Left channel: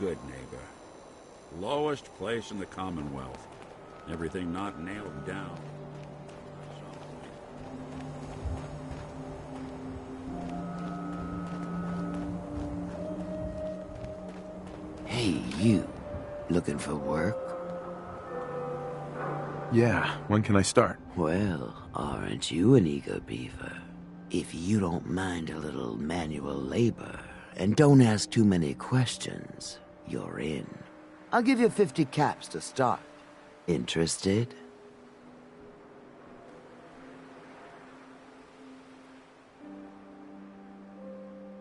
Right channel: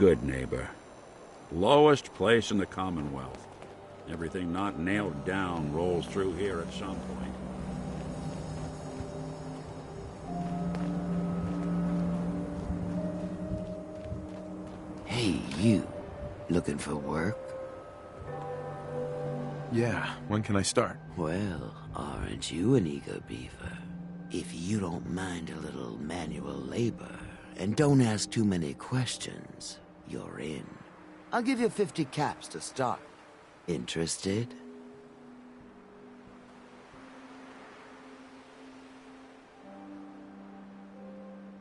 good neighbor. Lowest place in the Commonwealth. Everything not nailed down rolls through here at some point. Hey, you. Looking for work? Yeah, when can I start? Well, aren't you an eager beaver? If you don't mind a little manual labor, and don't ask too many questions, you're in. I'll give you 50 caps to start. Interested?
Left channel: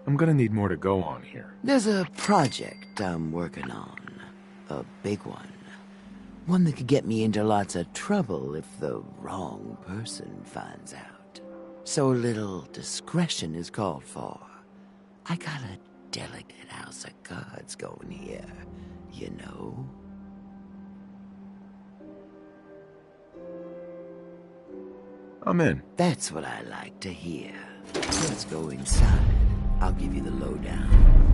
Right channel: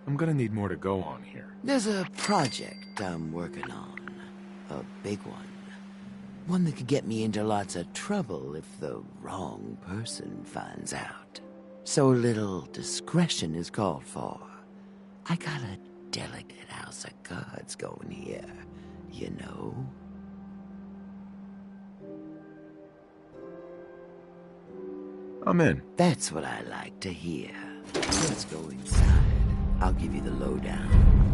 I'm gonna need more to go on here. There's a project I'm working on. A big one. One that could get me into lots of trouble if the wrong person finds out. So little discretion is called for. I got a delicate house of cards going here, you know? I'm in. That's what I like to hear. Let's go inside. I'll give you the lowdown.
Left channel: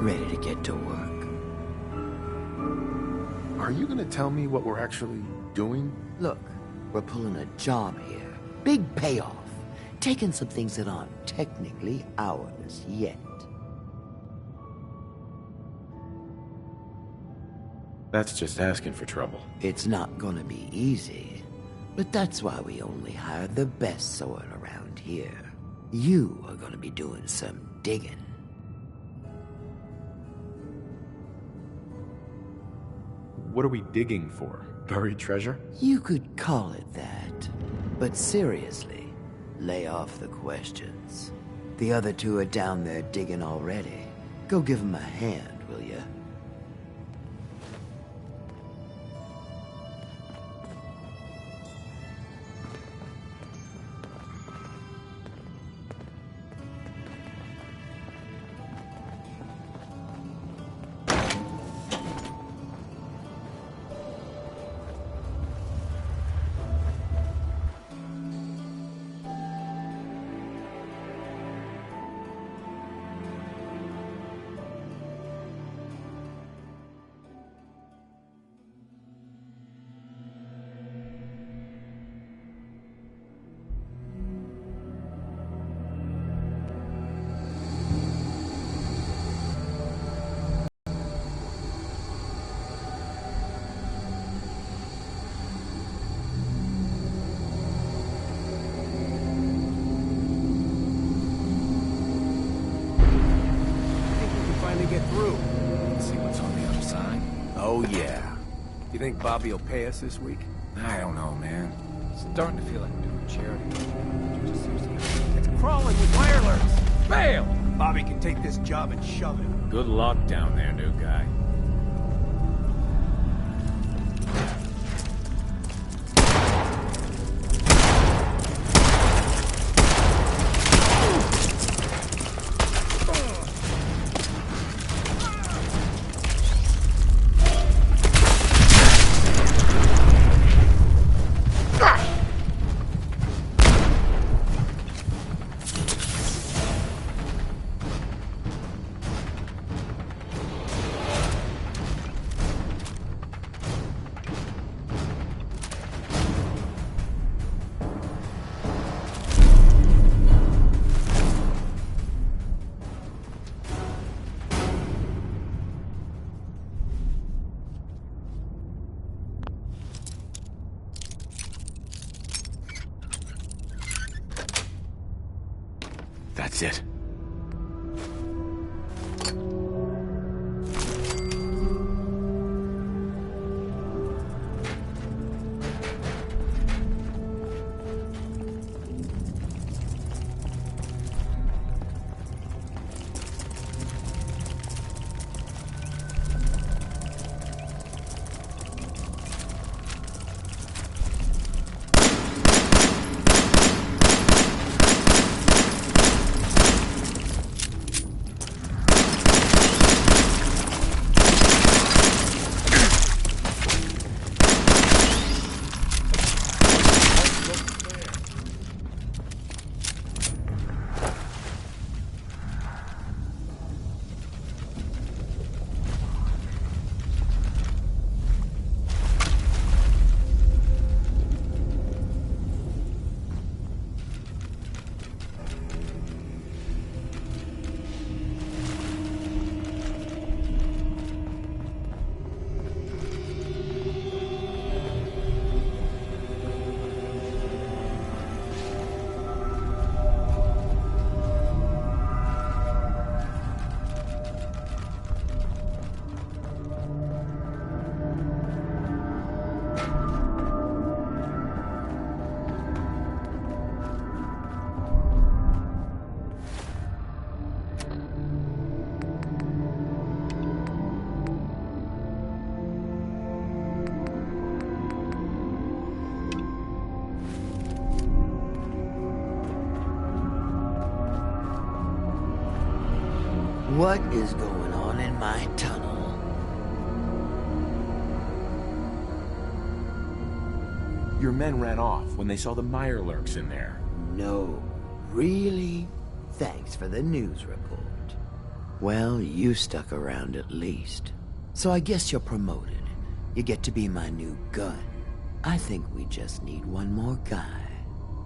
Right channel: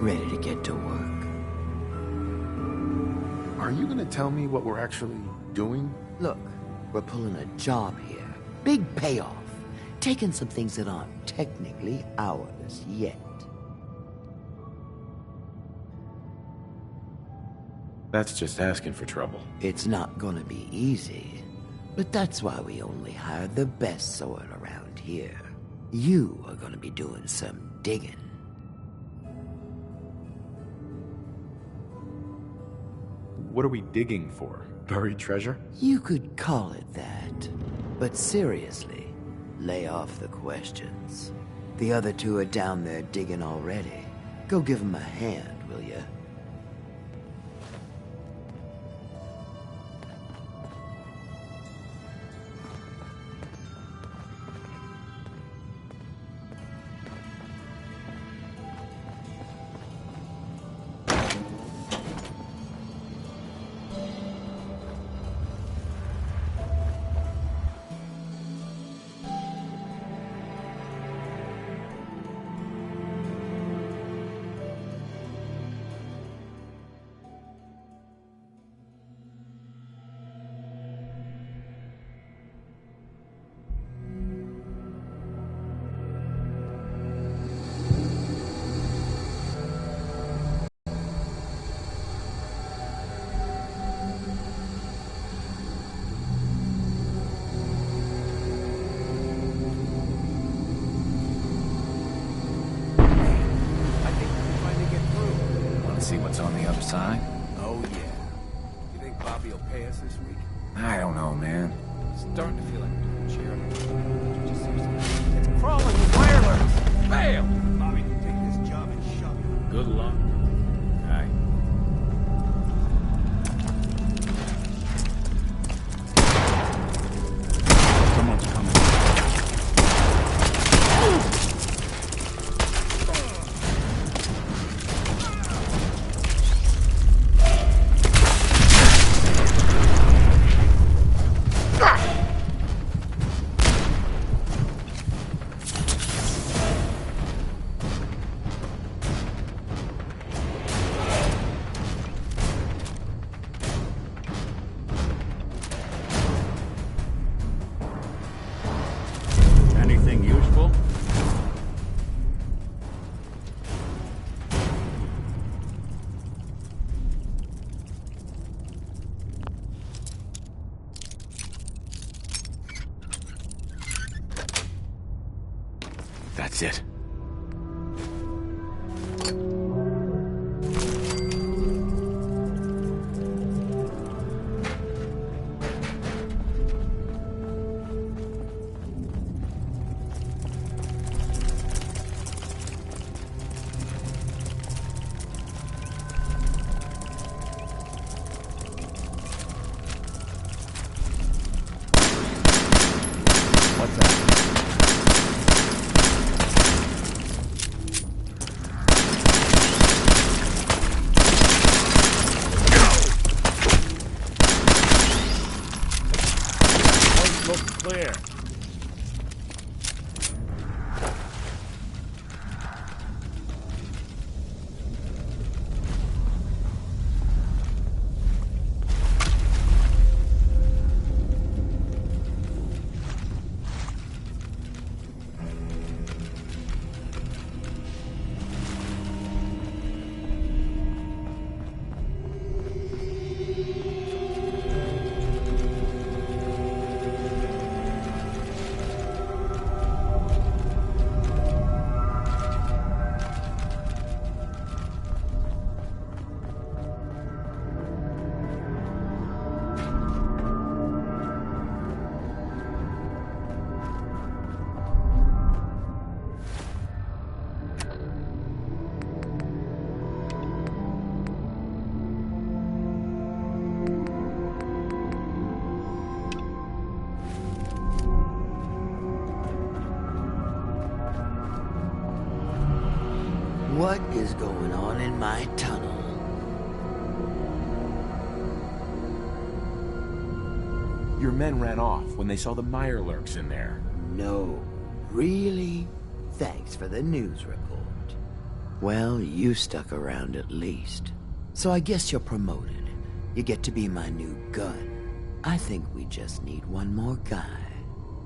Ready to get to work? Are you gonna tell me what we're actually doing? Look, we're pulling a job here. Big payoff. Taking some things that aren't technically ours yet. That's just asking for trouble. It's not gonna be easy. But that's why we only hire the best sort around here. You are gonna be doing some digging. What are we digging for? Buried treasure? You could call it that. But seriously, lay off the questions. The other two are down there digging already. Go give them a hand, will ya? Get through. Want to see what's on the other side? Oh, yeah. You think Bobby will pay us this week? I don't know, man. Starting to feel like we're doing charity. It's crawling with wireless. Fail! Bobby can take this job and shove it. Good luck down there, new guy. Anything useful? That's it. What is going on in my tunnel? Your men ran off when they saw the Mirelurks in there. No. Really? Thanks for the news report. Well, you stuck around at least. So I guess you're promoted. You get to be my new gun. I think we just need one more guy.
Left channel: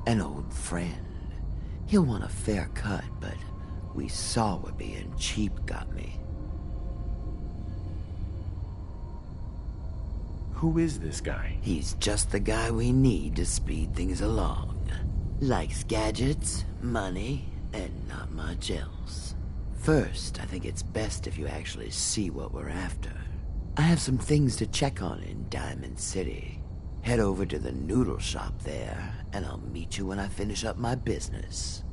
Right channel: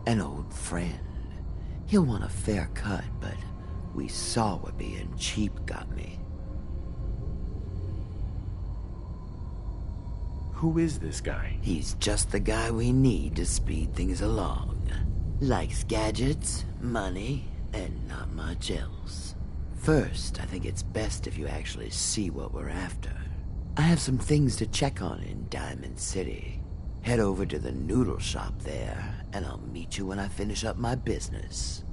An old friend. He'll want a fair cut, but we saw what being cheap got me. Who is this guy? He's just the guy we need to speed things along. Likes gadgets, money, and not much else. First, I think it's best if you actually see what we're after. I have some things to check on in Diamond City. Head over to the noodle shop there, and I'll meet you when I finish up my business.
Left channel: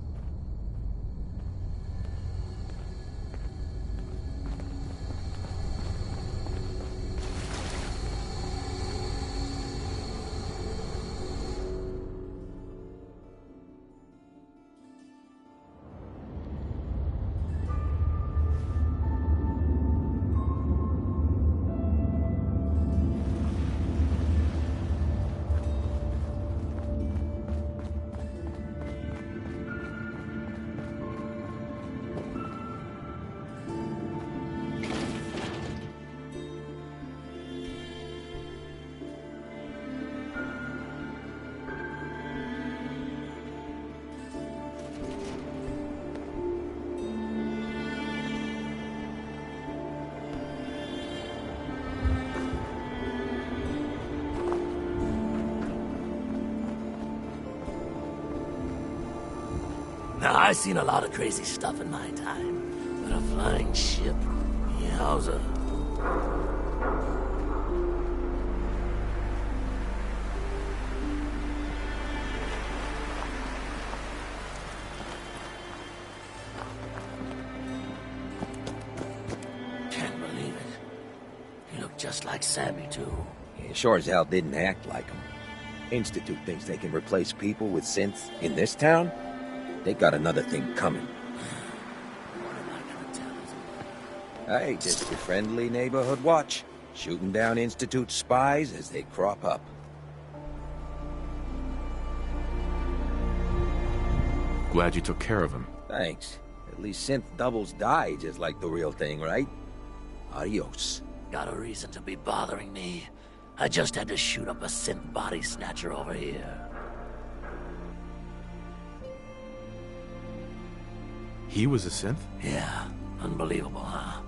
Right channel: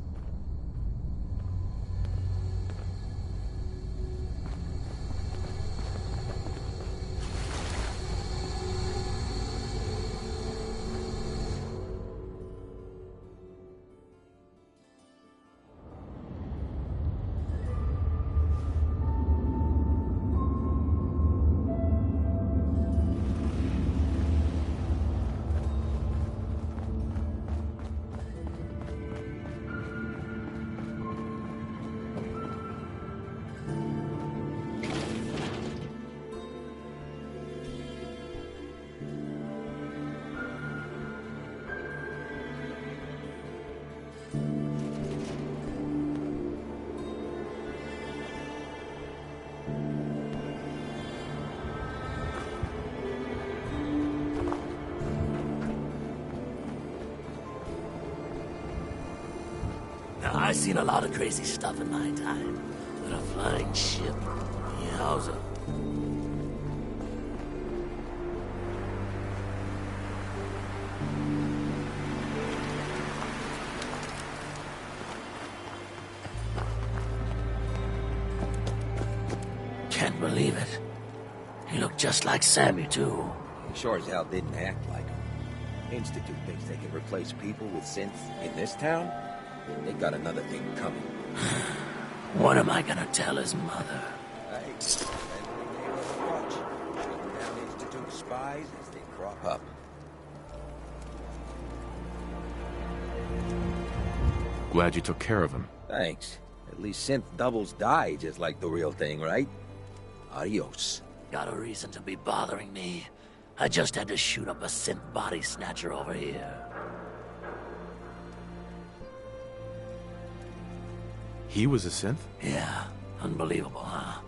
Now, I've seen a lot of crazy stuff in my time, but a flying ship, yowza. Can't believe it. He looked just like Sammy, too. He sure as hell didn't act like him. Institute thinks they can replace people with synths in this town? They got another thing coming. What am I gonna tell his mother? Hey, just a friendly neighborhood watch. Shooting down Institute spies as they crop up. Glad you took care of him. Thanks. At least synth doubles die just like the real thing, right? Adios. Got a reason to be bothering me. I just had to shoot up a synth body snatcher over here. He was a synth? Yeah, unbelievable, huh?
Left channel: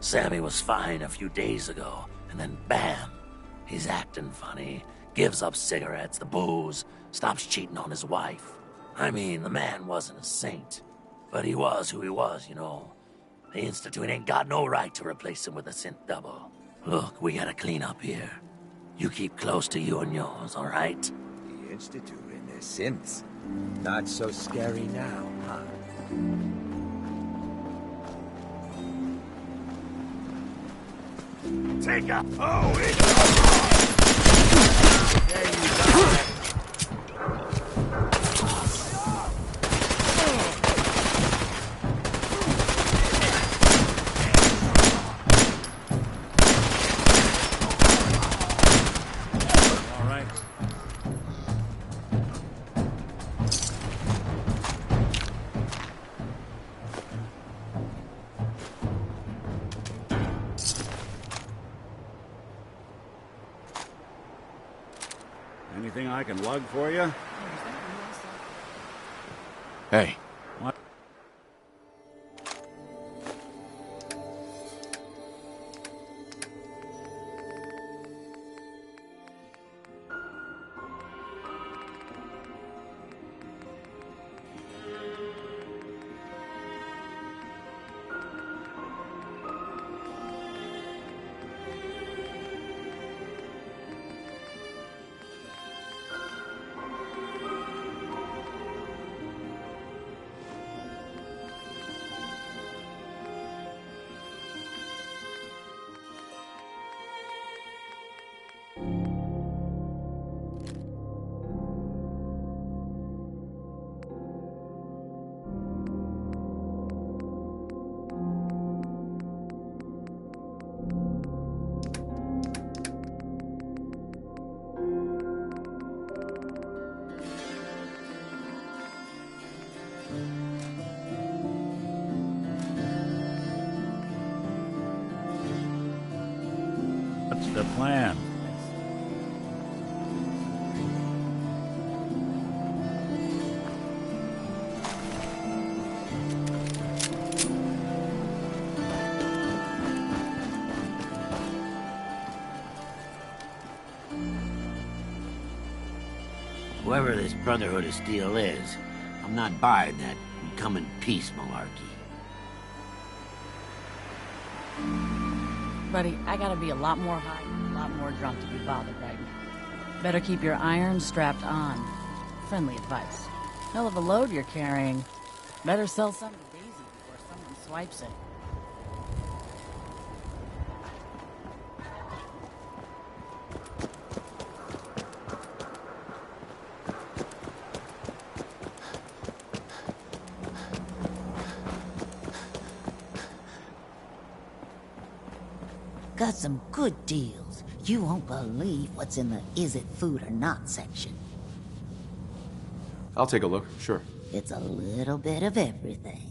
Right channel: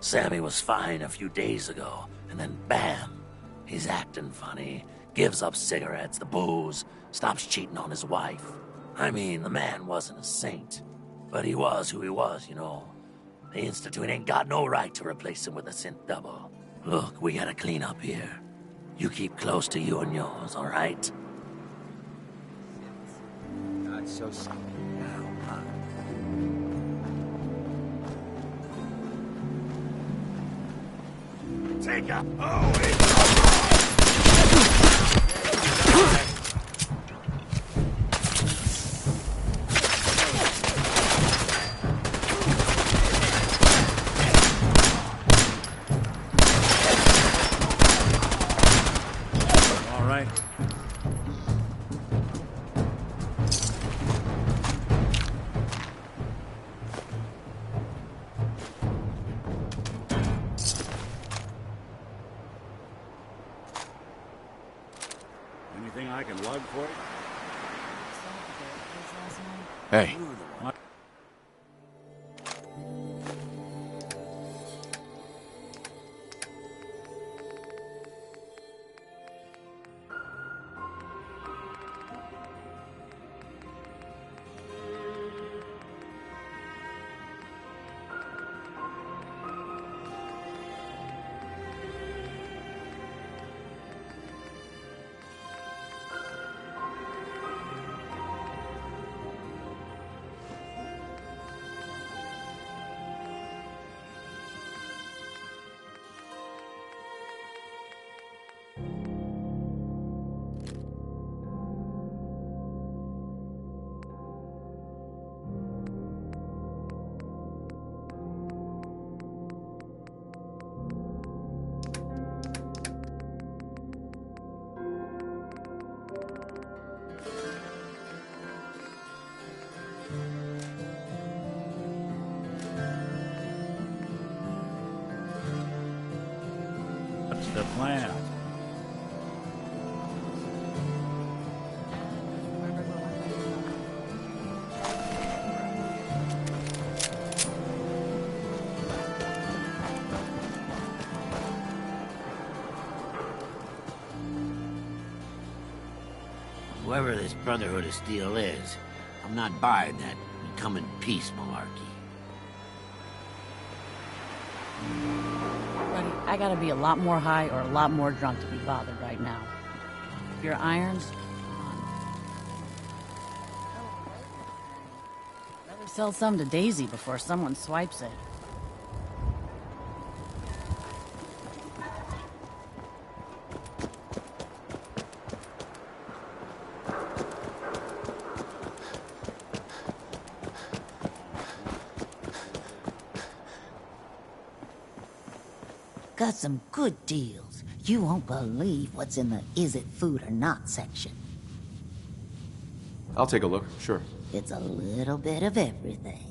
Sammy was fine a few days ago, and then bam! He's acting funny, gives up cigarettes, the booze, stops cheating on his wife. I mean, the man wasn't a saint, but he was who he was, you know. The Institute ain't got no right to replace him with a synth double. Look, we gotta clean up here. You keep close to you and yours, all right? The Institute and their synths. Not so scary now, huh? Take a... All right. Anything I can lug for you? Hey, What? the plan. Whoever this Brotherhood of Steel is, I'm not buying that we come in peace malarkey. Buddy, I gotta be a lot more high or a lot more drunk to be bothered right now. Better keep your irons strapped on. Friendly advice. Hell of a load you're carrying. Better sell some to Daisy before someone swipes it. Got some good deals. You won't believe what's in the is it food or not section. I'll take a look, sure. It's a little bit of everything.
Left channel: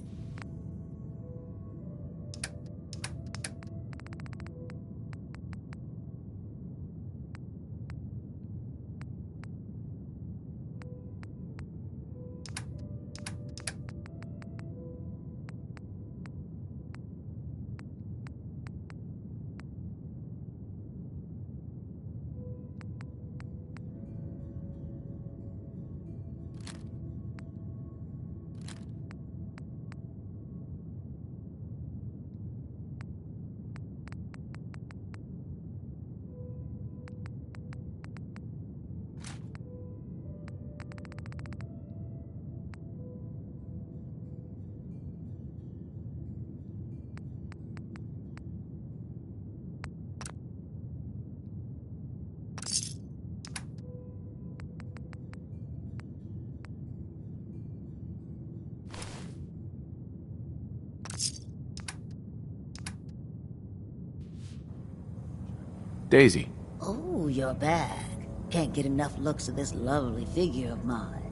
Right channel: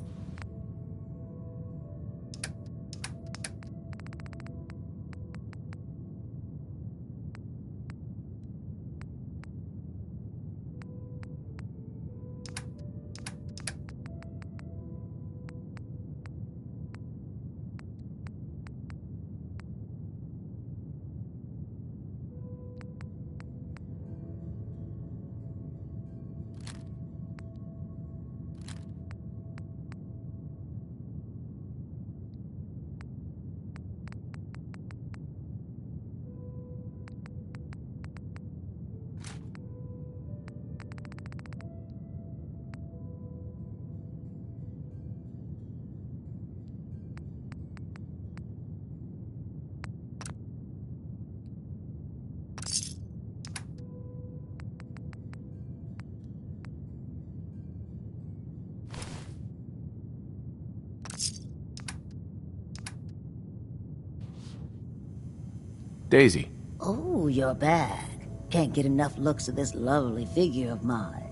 Daisy. Oh, you're back. Can't get enough looks of this lovely figure of mine.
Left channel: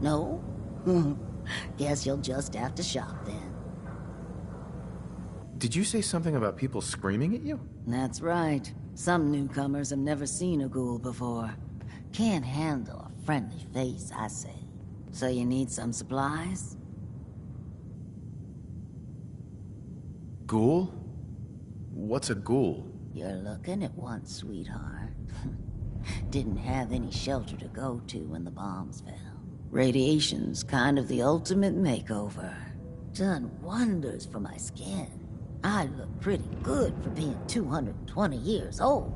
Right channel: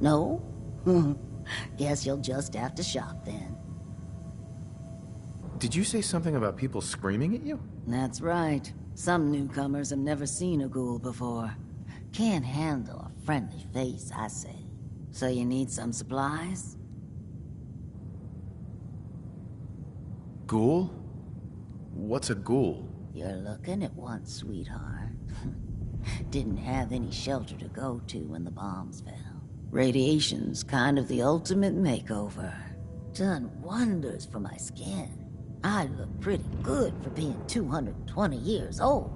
No? Guess you'll just have to shop then. Did you say something about people screaming at you? That's right. Some newcomers have never seen a ghoul before. Can't handle a friendly face, I say. So you need some supplies? Ghoul? What's a ghoul? You're looking at one, sweetheart. Didn't have any shelter to go to when the bombs fell. Radiation's kind of the ultimate makeover. Done wonders for my skin. I look pretty good for being 220 years old.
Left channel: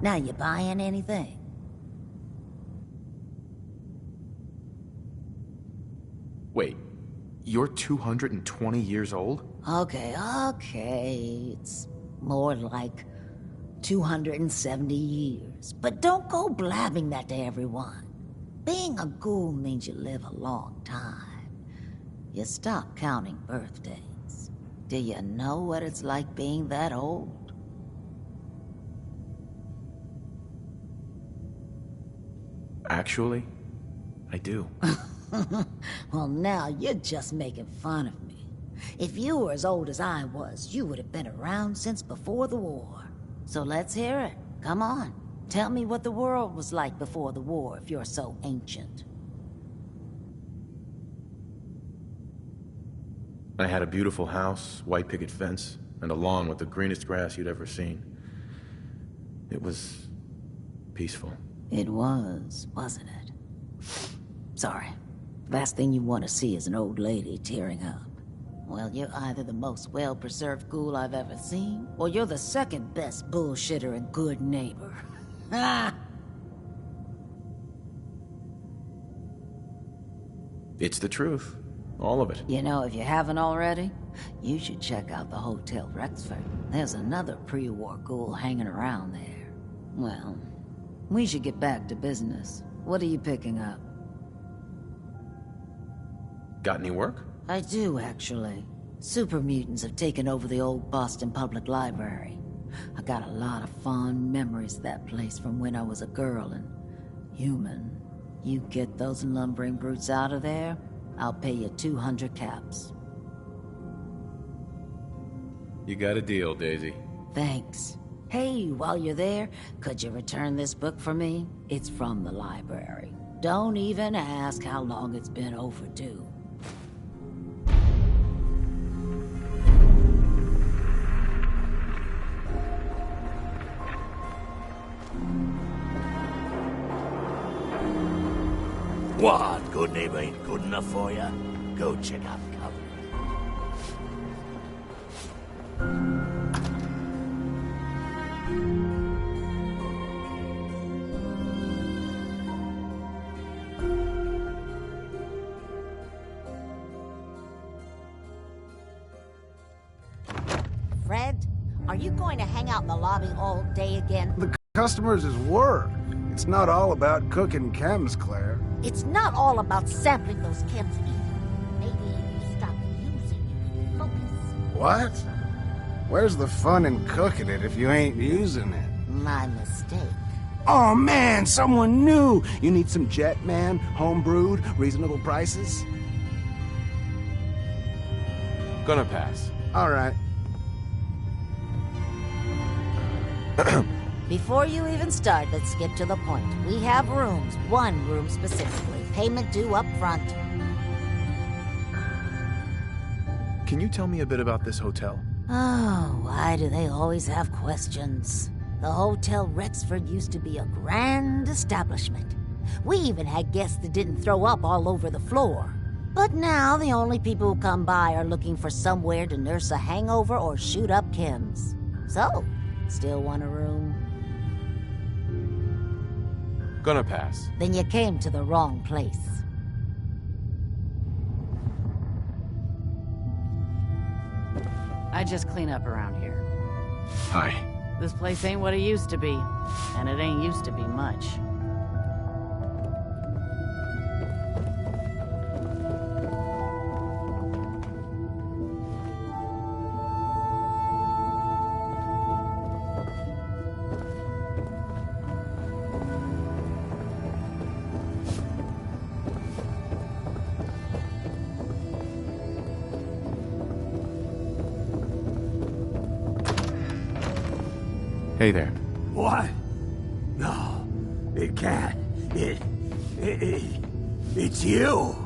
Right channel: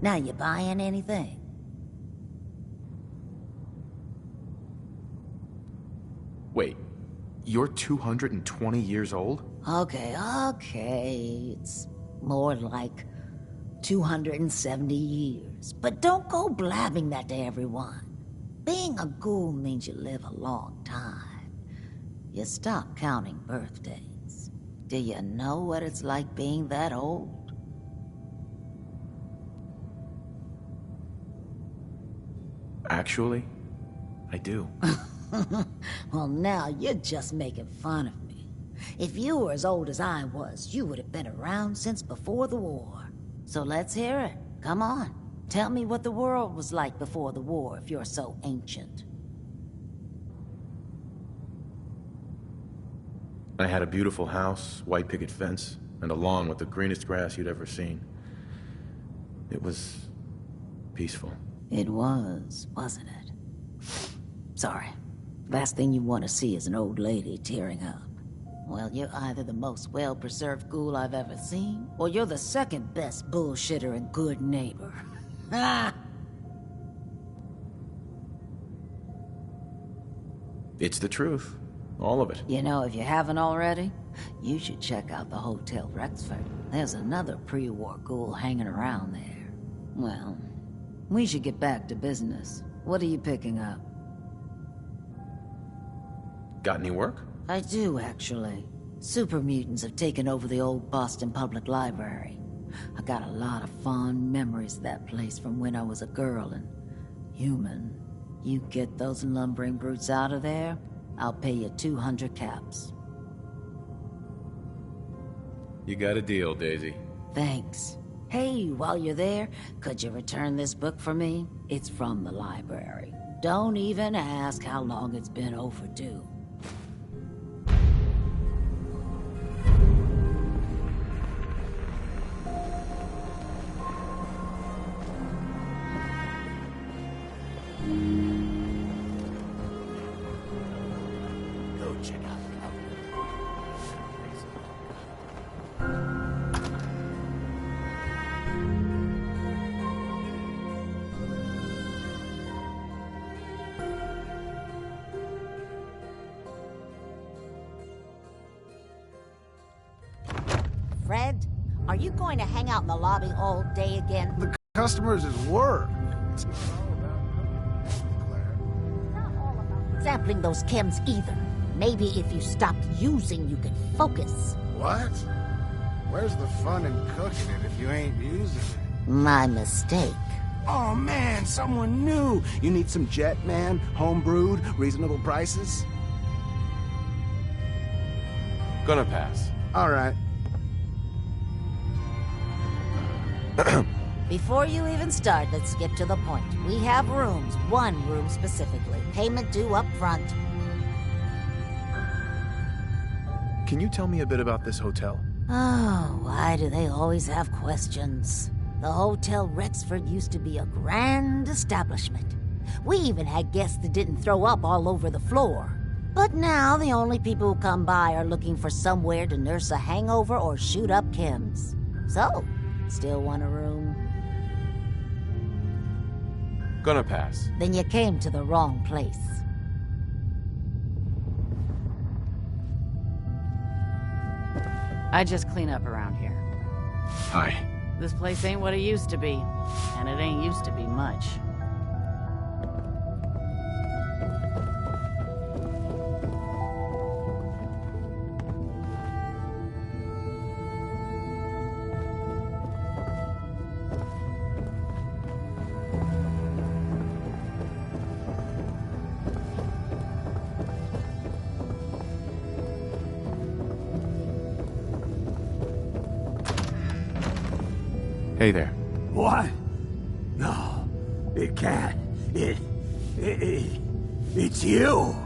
Now you buying anything? Wait, you're 220 years old? Okay. It's more like 270 years. But don't go blabbing that to everyone. Being a ghoul means you live a long time. You stop counting birthdays. Do you know what it's like being that old? Actually, I do. Well, now you're just making fun of me. If you were as old as I was, you would have been around since before the war. So let's hear it. Come on. Tell me what the world was like before the war if you're so ancient. I had a beautiful house, white picket fence, and a lawn with the greenest grass you'd ever seen. It was peaceful. It was, wasn't it? Sorry. Last thing you want to see is an old lady tearing up. Well, you're either the most well-preserved ghoul I've ever seen, or you're the second best bullshitter and good neighbor. Ah! It's the truth. All of it. You know, if you haven't already, you should check out the Hotel Rexford. There's another pre-war ghoul hanging around there. Well, we should get back to business. What are you picking up? Got any work? I do, actually. Super mutants have taken over the old Boston Public Library. I got a lot of fond memories of that place from when I was a girl and human. You get those lumbering brutes out of there, I'll pay you 200 caps. You got a deal, Daisy. Thanks. Hey, while you're there, could you return this book for me? It's from the library. Don't even ask how long it's been overdue. What? Good neighbor ain't good enough for you? Go check out Covenant. Fred, are you going to hang out in the lobby all day again? The customers is work. It's not all about cooking chems, Claire. It's not all about sampling those chems either. Maybe if you stopped using, you could focus. What? Where's the fun in cooking it if you ain't using it? My mistake. Oh man, someone new! You need some Jet Man, home-brewed, reasonable prices? Gonna pass. Alright. Before you even start, let's skip to the point. We have rooms, one room specifically. Payment due up front. Can you tell me a bit about this hotel? Oh, why do they always have questions? The Hotel Rexford used to be a grand establishment. We even had guests that didn't throw up all over the floor. But now the only people who come by are looking for somewhere to nurse a hangover or shoot up chems. So, still want a room? Gonna pass. Then you came to the wrong place. I just clean up around here. Hi. This place ain't what it used to be, and it ain't used to be much. Hey there. What? No, it can't. It's you!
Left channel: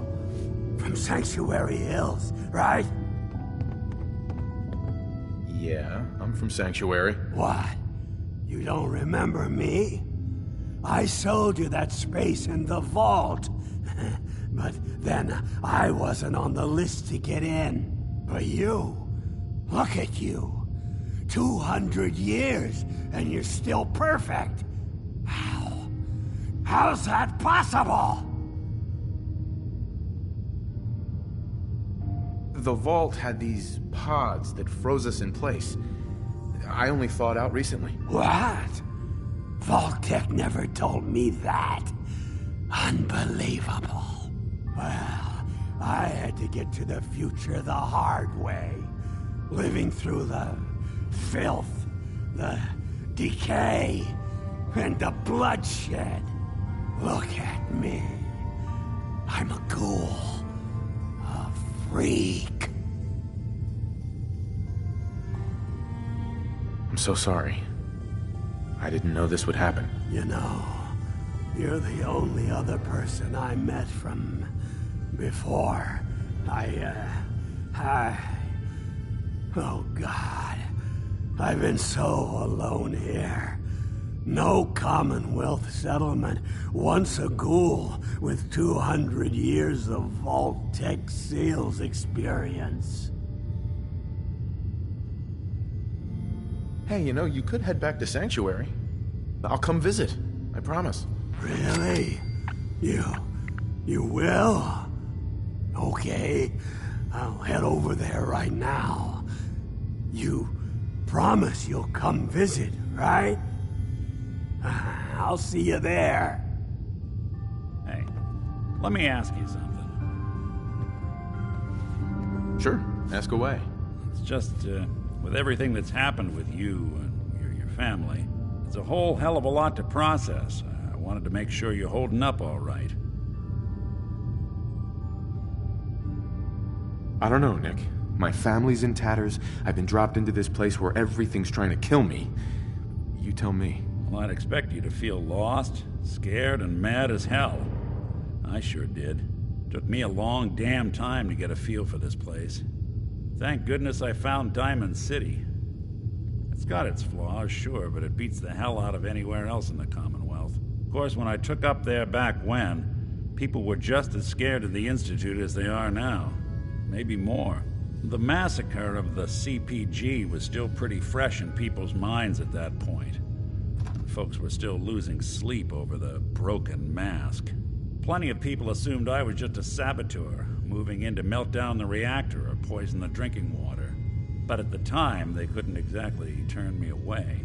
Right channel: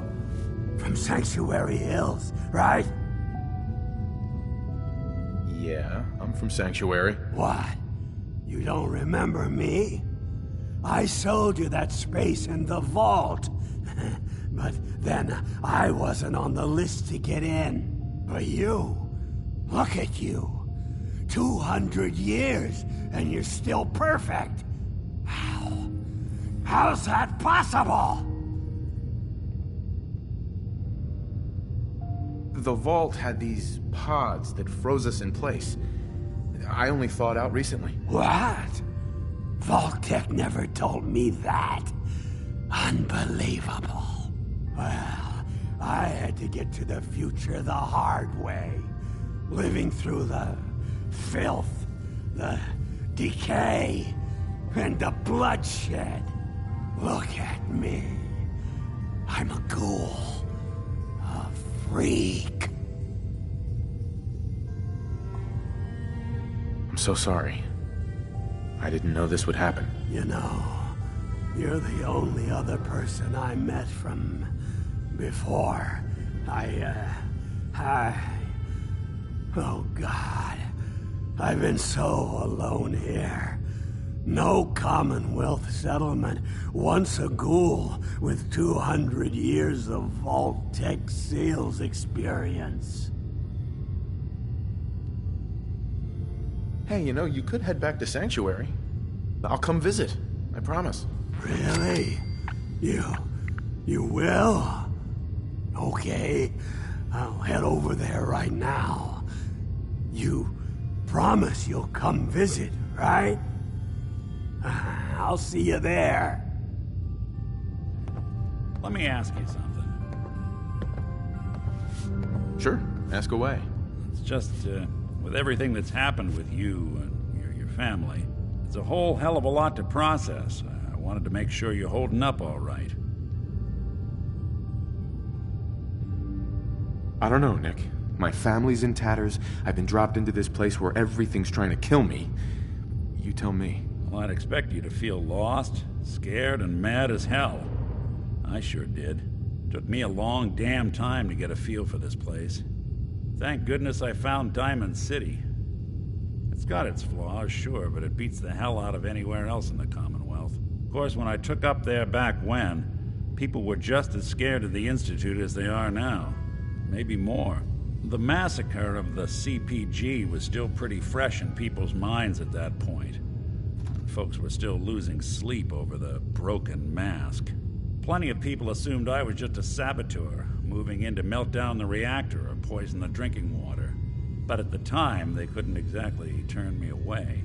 From Sanctuary Hills, right? Yeah, I'm from Sanctuary. What? You don't remember me? I sold you that space in the vault. But then I wasn't on the list to get in. But you, look at you. 200 years, and you're still perfect. How? How's that possible? The vault had these pods that froze us in place. I only thawed out recently. What? Vault-Tec never told me that. Unbelievable. Well, I had to get to the future the hard way. Living through the filth, the decay, and the bloodshed. Look at me. I'm a ghoul. A freak. I'm so sorry. I didn't know this would happen. You know, you're the only other person I met from before. Oh God. I've been so alone here. No Commonwealth settlement, once a ghoul with 200 years of Vault-Tec sales experience. Hey, you know, you could head back to Sanctuary. I'll come visit. I promise. Really? You will? Okay, I'll head over there right now. You promise you'll come visit, right? I'll see you there. Hey, let me ask you something. Sure, ask away. It's just, with everything that's happened with you and your family, it's a whole hell of a lot to process. I wanted to make sure you're holding up all right. I don't know, Nick. My family's in tatters. I've been dropped into this place where everything's trying to kill me. You tell me. Well, I'd expect you to feel lost, scared, and mad as hell. I sure did. Took me a long damn time to get a feel for this place. Thank goodness I found Diamond City. It's got its flaws, sure, but it beats the hell out of anywhere else in the Commonwealth. Of course, when I took up there back when, people were just as scared of the Institute as they are now. Maybe more. The massacre of the CPG was still pretty fresh in people's minds at that point. Folks were still losing sleep over the broken mask. Plenty of people assumed I was just a saboteur, moving in to melt down the reactor or poison the drinking water. But at the time, they couldn't exactly turn me away.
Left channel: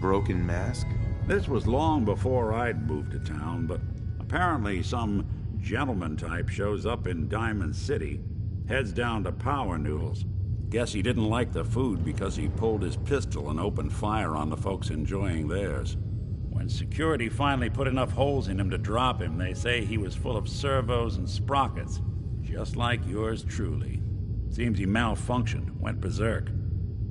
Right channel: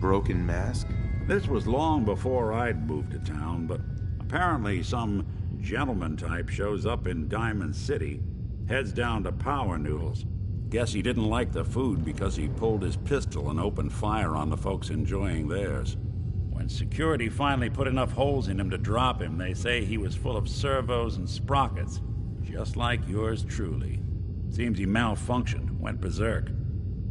Broken mask? This was long before I'd moved to town, but apparently some gentleman type shows up in Diamond City, heads down to Power Noodles. Guess he didn't like the food because he pulled his pistol and opened fire on the folks enjoying theirs. When security finally put enough holes in him to drop him, they say he was full of servos and sprockets, just like yours truly. Seems he malfunctioned, went berserk.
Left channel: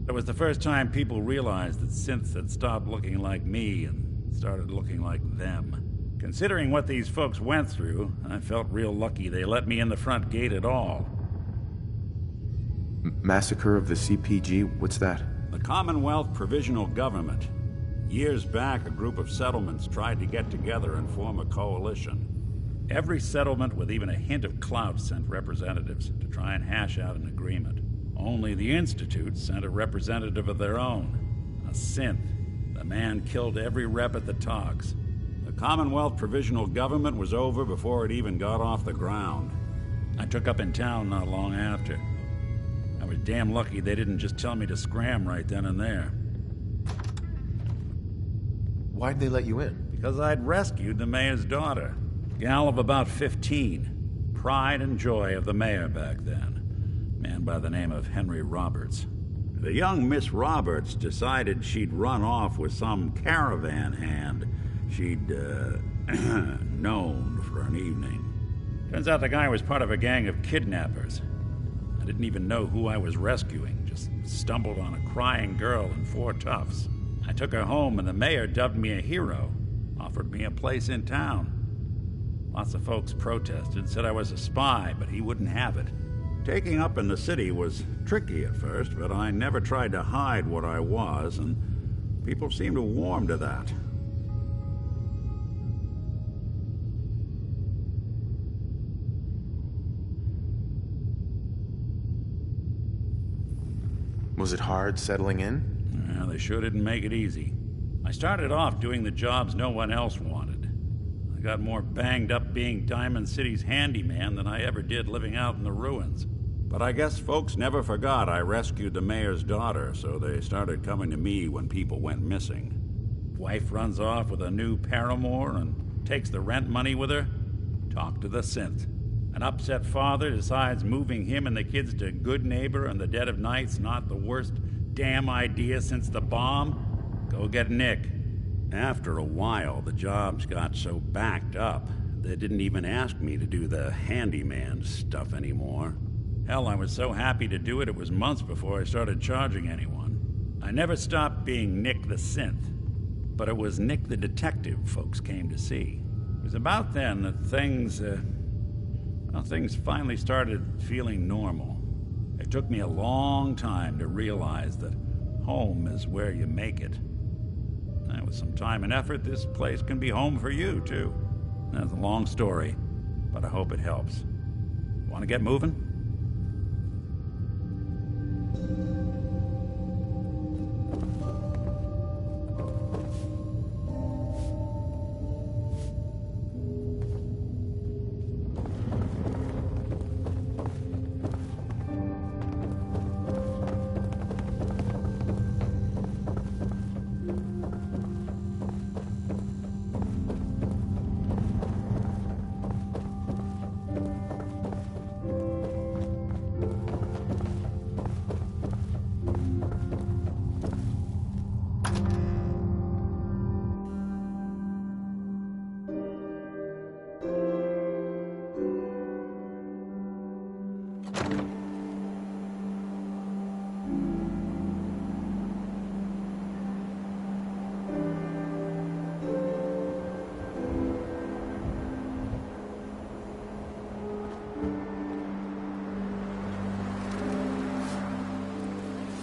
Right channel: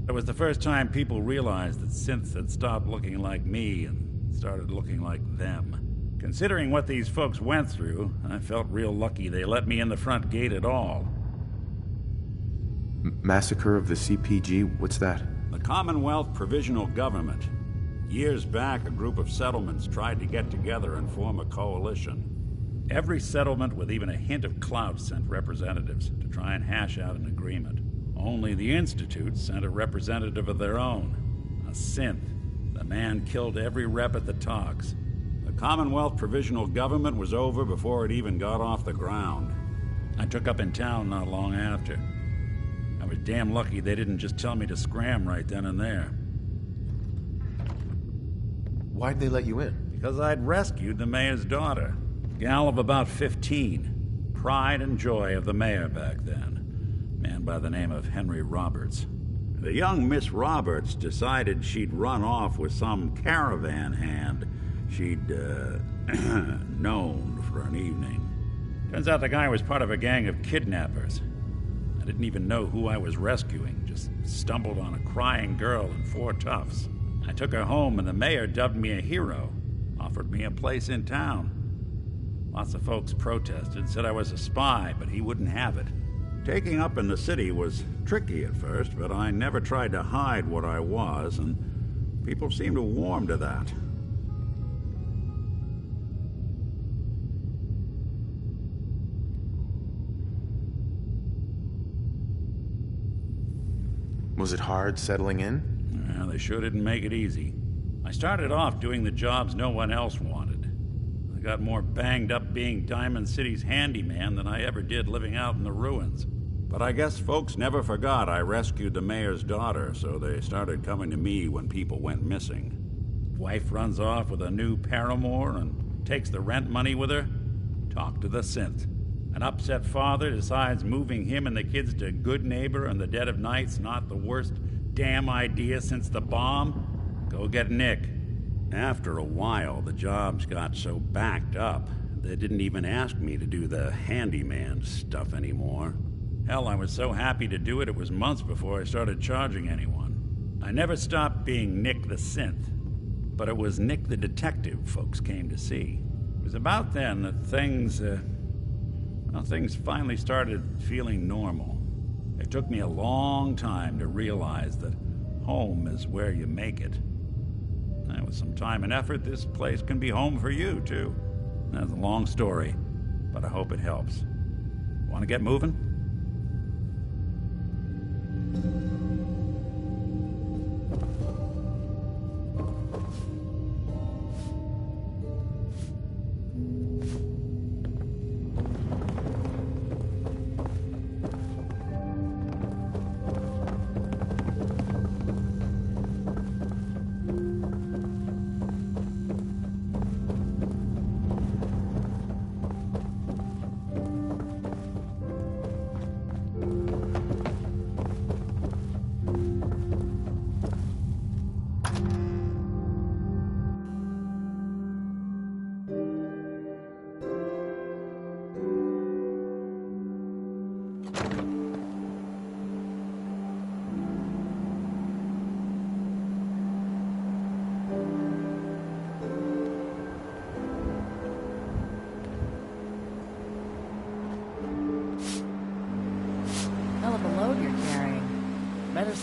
It was the first time people realized that synths had stopped looking like me and started looking like them. Considering what these folks went through, I felt real lucky they let me in the front gate at all. Massacre of the CPG? What's that? The Commonwealth Provisional Government. Years back, a group of settlements tried to get together and form a coalition. Every settlement with even a hint of clout sent representatives to try and hash out an agreement. Only the Institute sent a representative of their own, a synth. The man killed every rep at the talks. The Commonwealth Provisional Government was over before it even got off the ground. I took up in town not long after. I was damn lucky they didn't just tell me to scram right then and there. Why'd they let you in? Because I'd rescued the mayor's daughter. Gal of about 15. Pride and joy of the mayor back then. Man by the name of Henry Roberts. The young Miss Roberts decided she'd run off with some caravan hand she'd, known for an evening. Turns out the guy was part of a gang of kidnappers. I didn't even know who I was rescuing, just stumbled on a crying girl and 4 toughs. I took her home and the mayor dubbed me a hero, offered me a place in town. Lots of folks protested, said I was a spy, but he wouldn't have it. Taking up in the city was tricky at first, but I never tried to hide what I was, and people seemed to warm to that. Was it hard settling in? Yeah, they sure didn't make it easy. I started off doing the jobs no one else wanted. I got more banged up being Diamond City's handyman than I ever did living out in the ruins. But I guess folks never forgot I rescued the mayor's daughter, so they started coming to me when people went missing. Wife runs off with a new paramour and takes the rent money with her. Talk to the synth. An upset father decides moving him and the kids to Good Neighbor in the dead of night's not the worst damn idea since the bomb. Go get Nick. After a while, the jobs got so backed up, they didn't even ask me to do the handyman stuff anymore. Hell, I was so happy to do it, it was months before I started charging anyone. I never stopped being Nick the Synth, but it was Nick the Detective folks came to see. It was about then that things finally started feeling normal. It took me a long time to realize that home is where you make it. And with some time and effort, this place can be home for you, too. That's a long story, but I hope it helps. Want to get moving?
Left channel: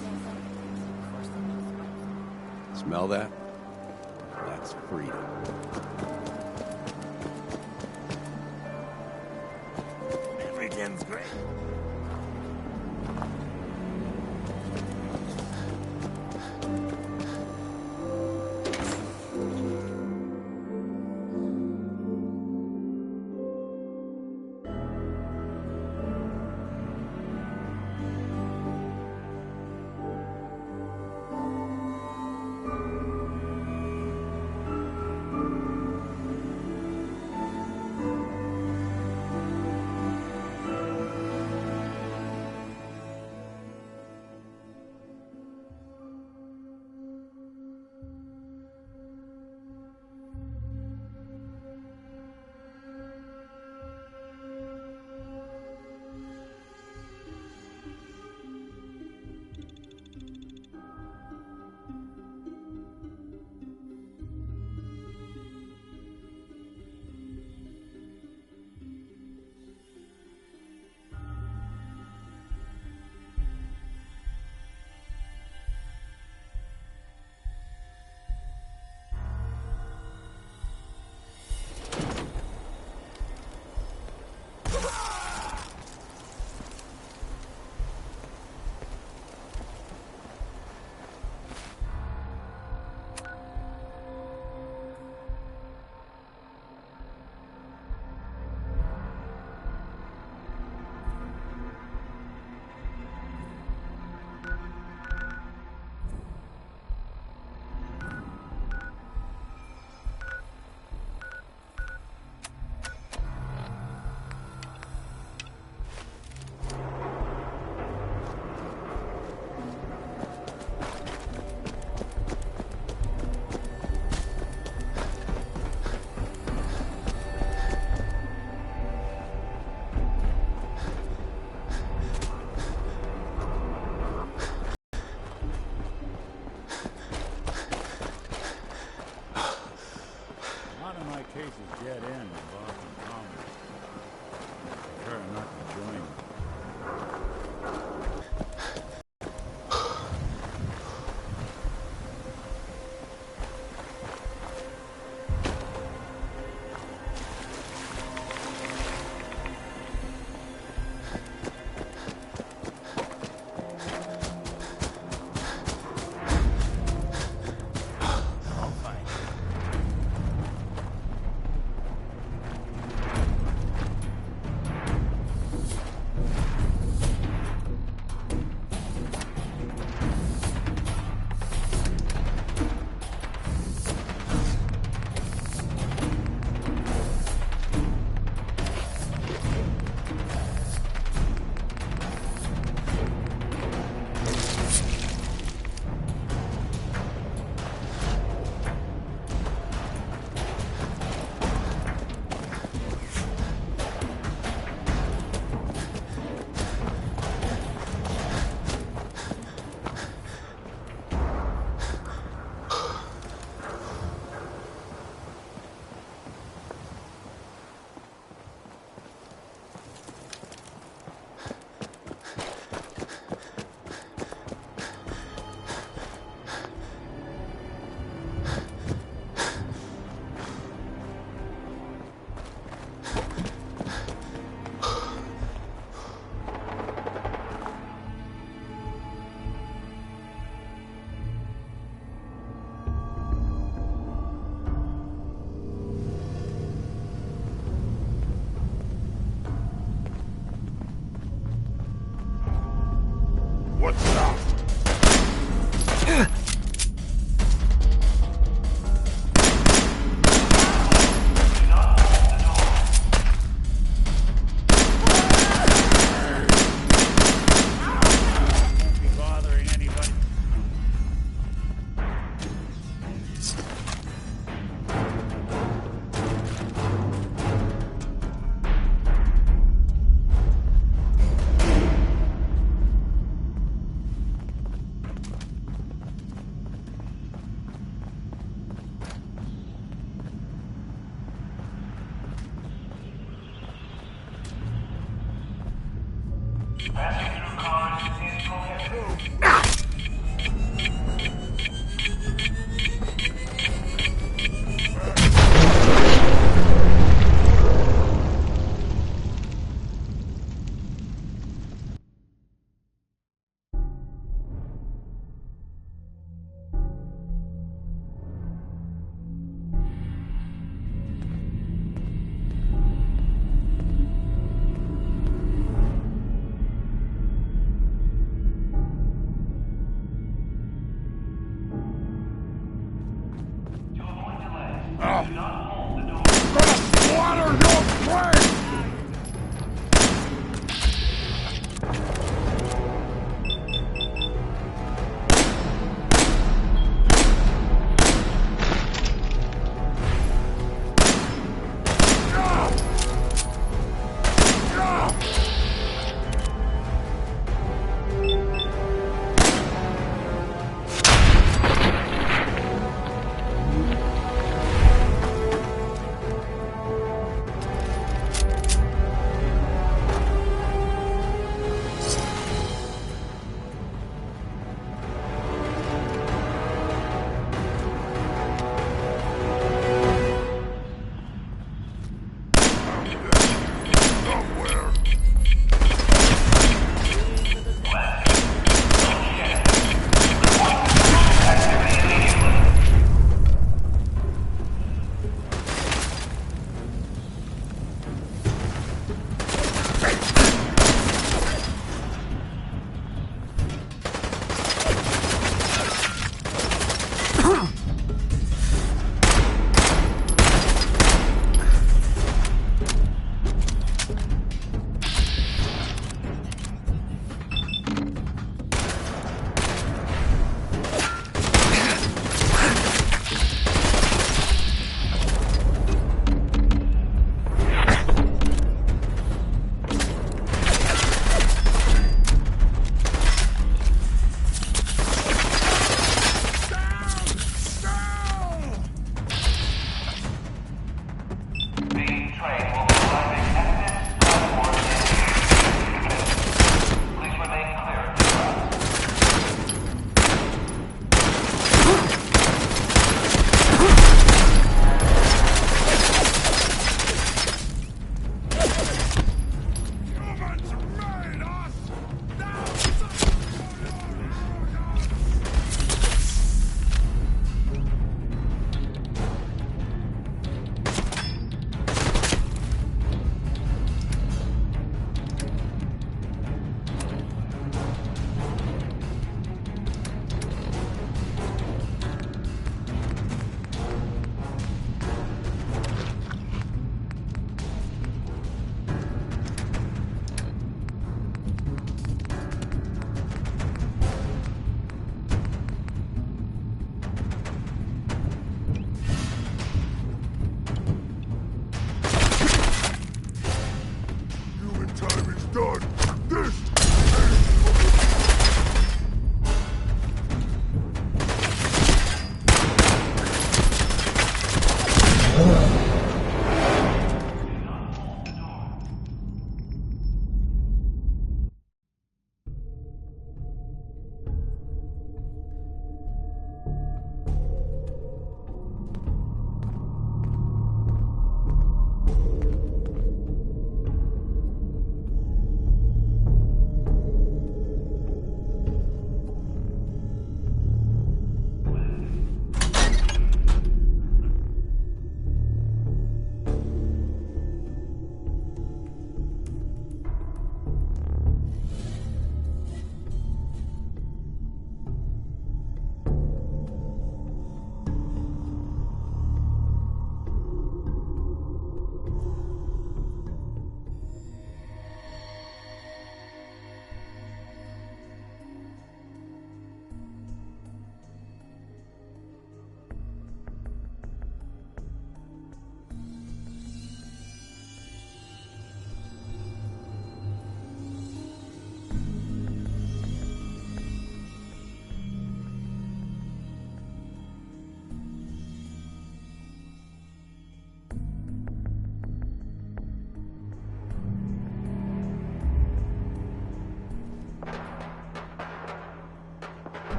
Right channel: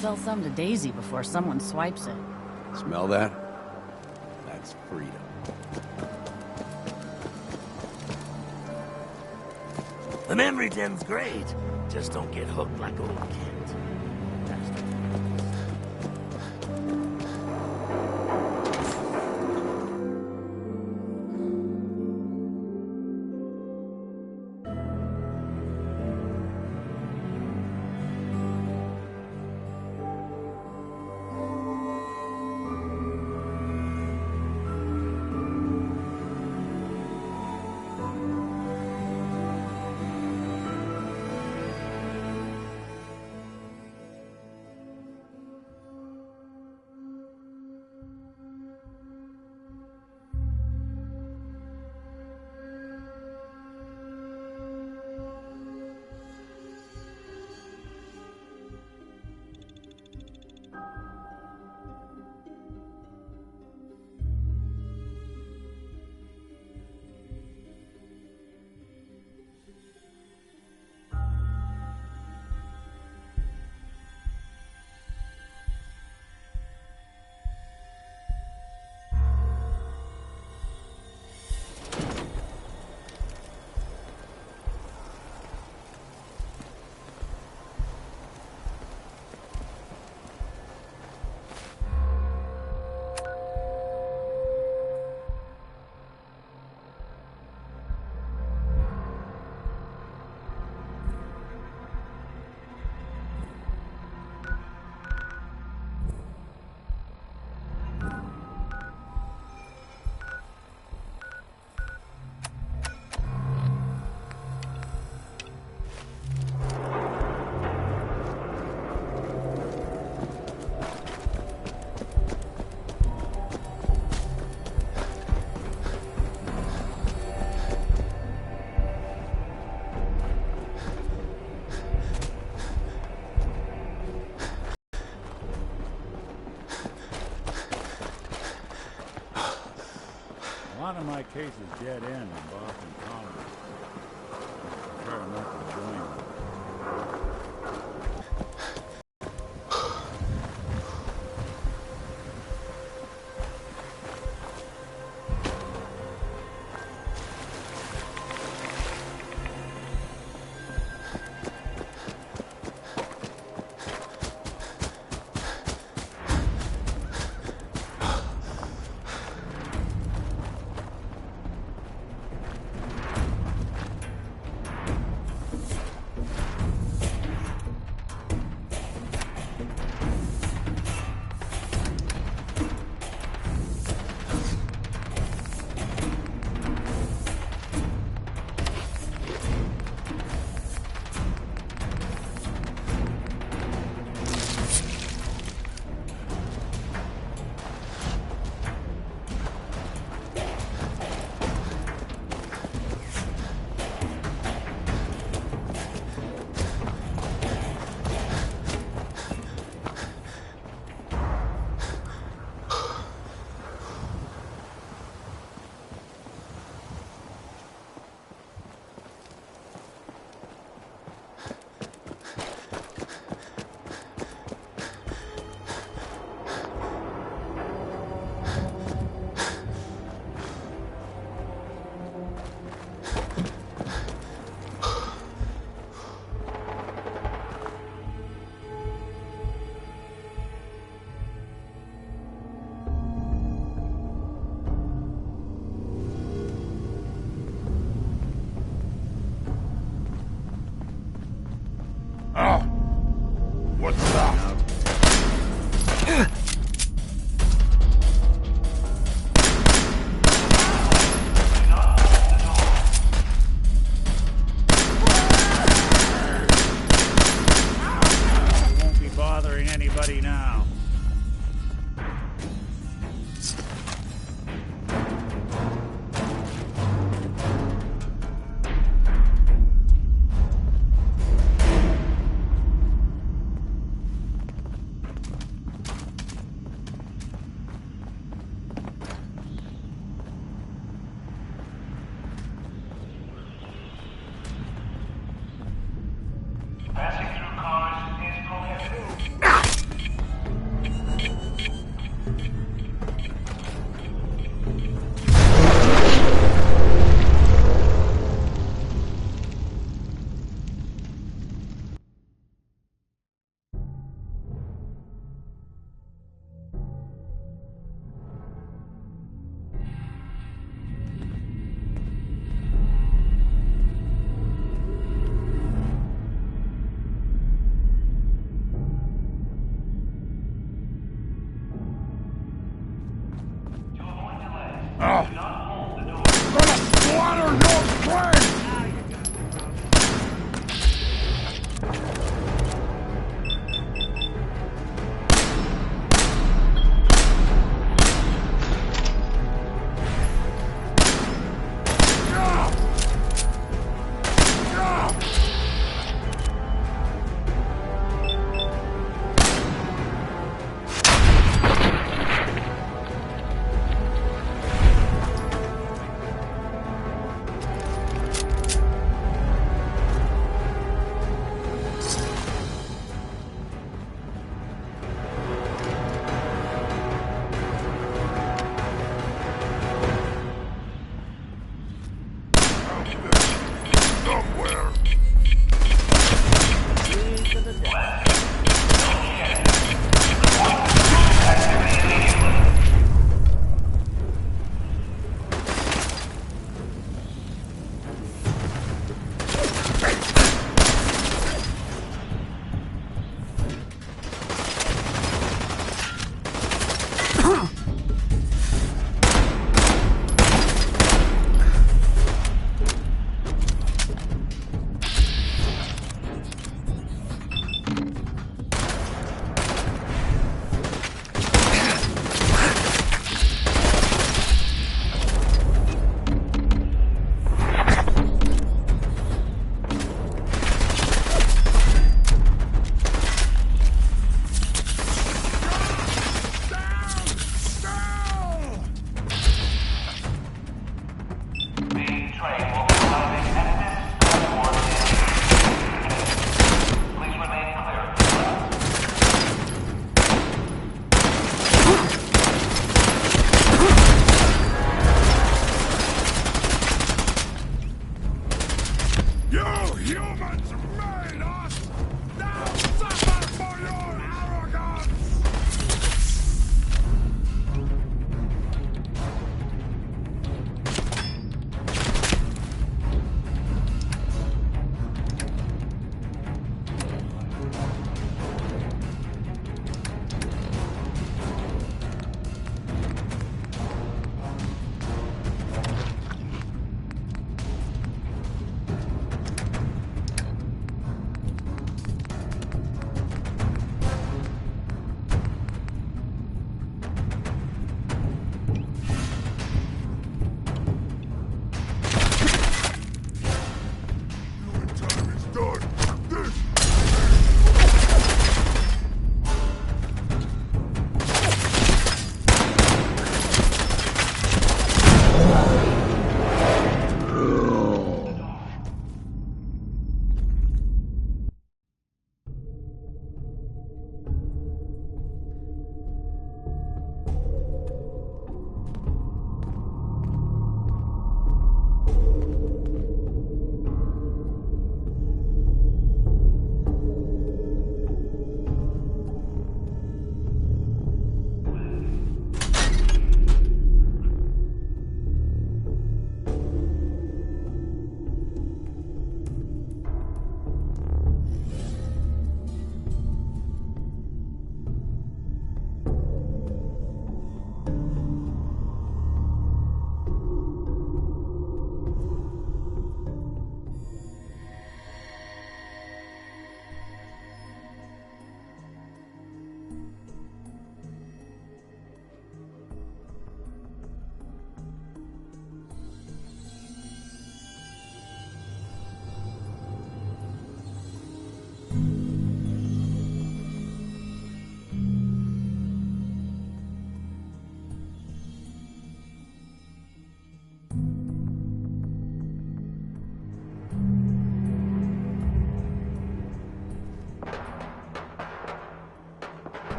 Sell some to Daisy before someone swipes it. Smell that? That's freedom. The memory gen's great. Just don't get hooked like old kids. A lot of my cases dead end in Boston Common. I prefer not to join them.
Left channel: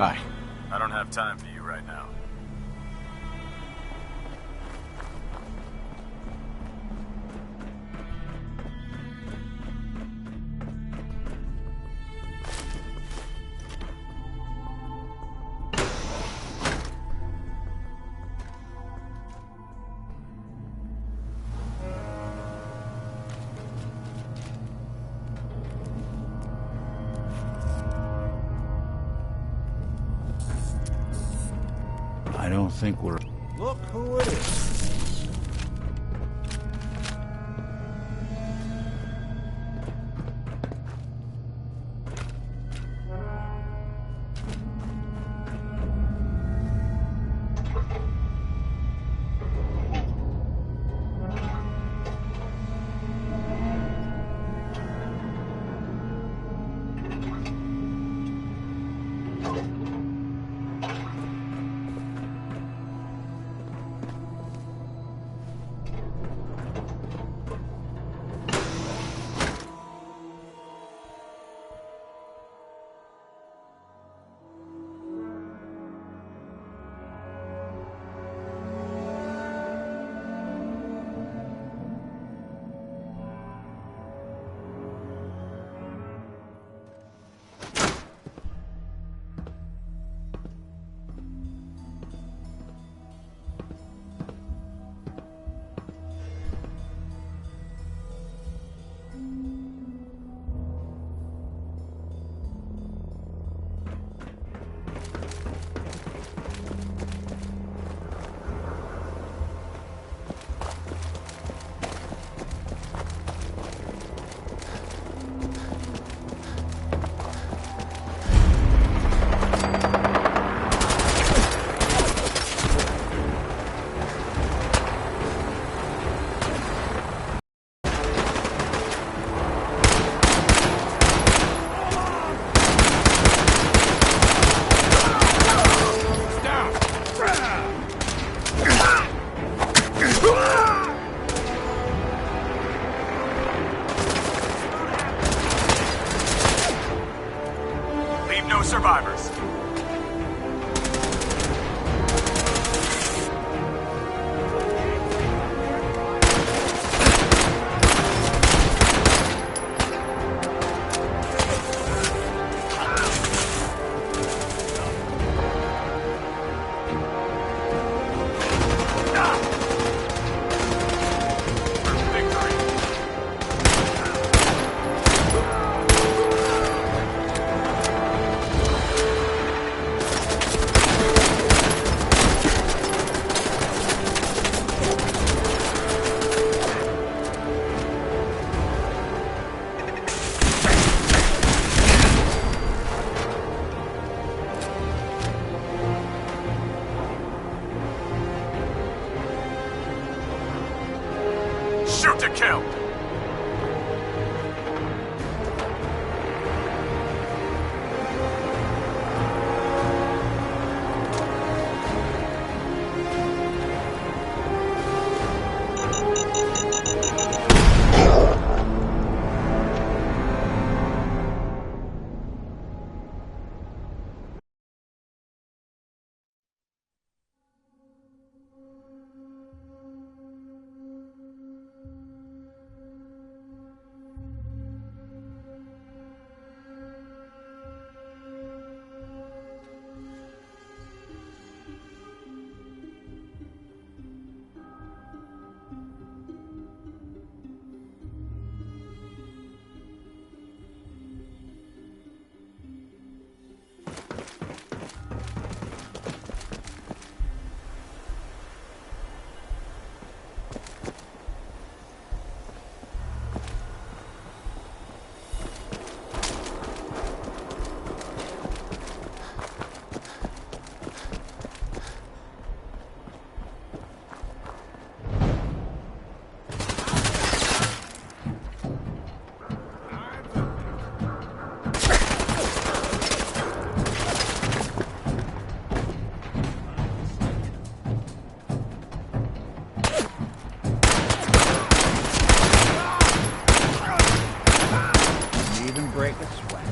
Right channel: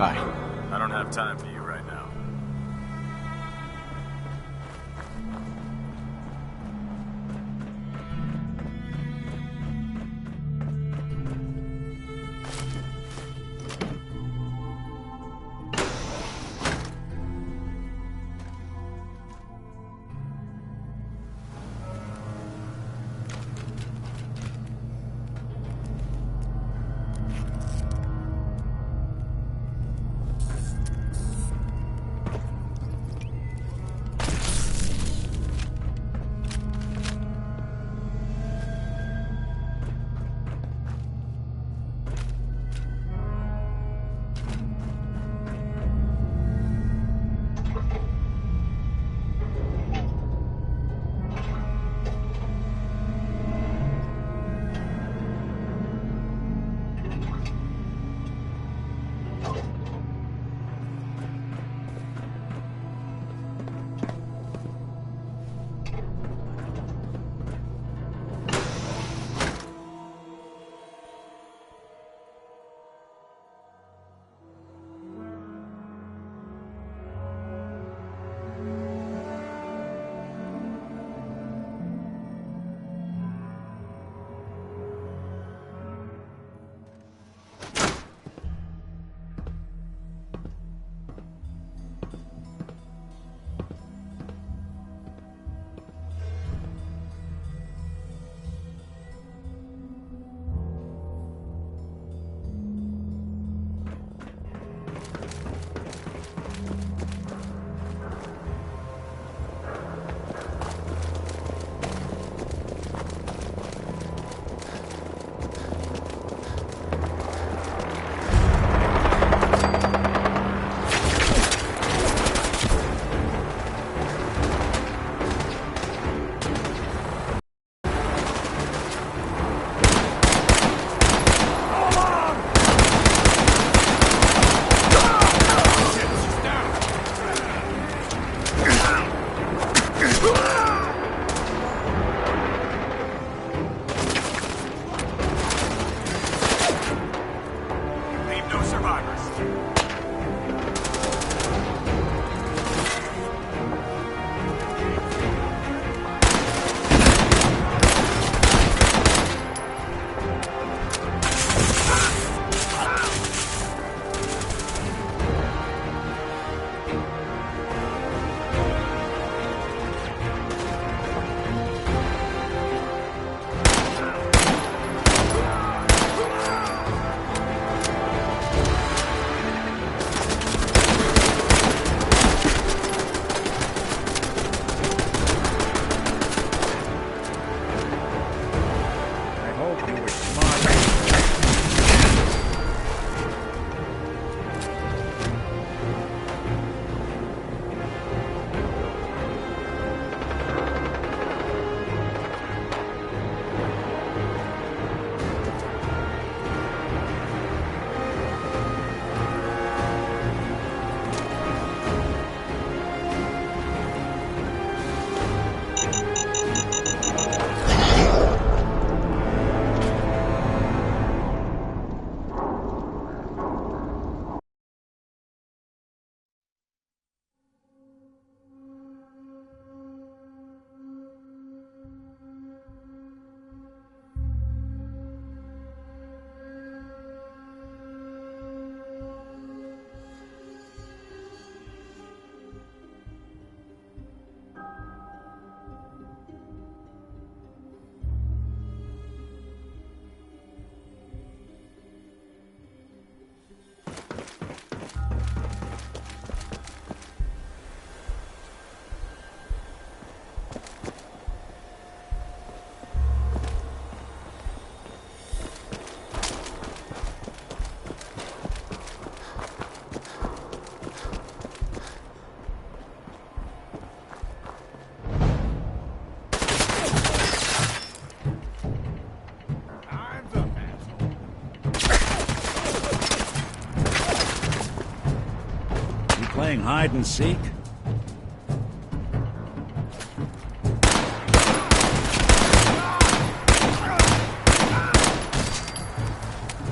Bye. I don't have time for you right now. I don't think we're... Look who it is. Leave no survivors. Shoot to kill. Hide and seek? Even break a sweat.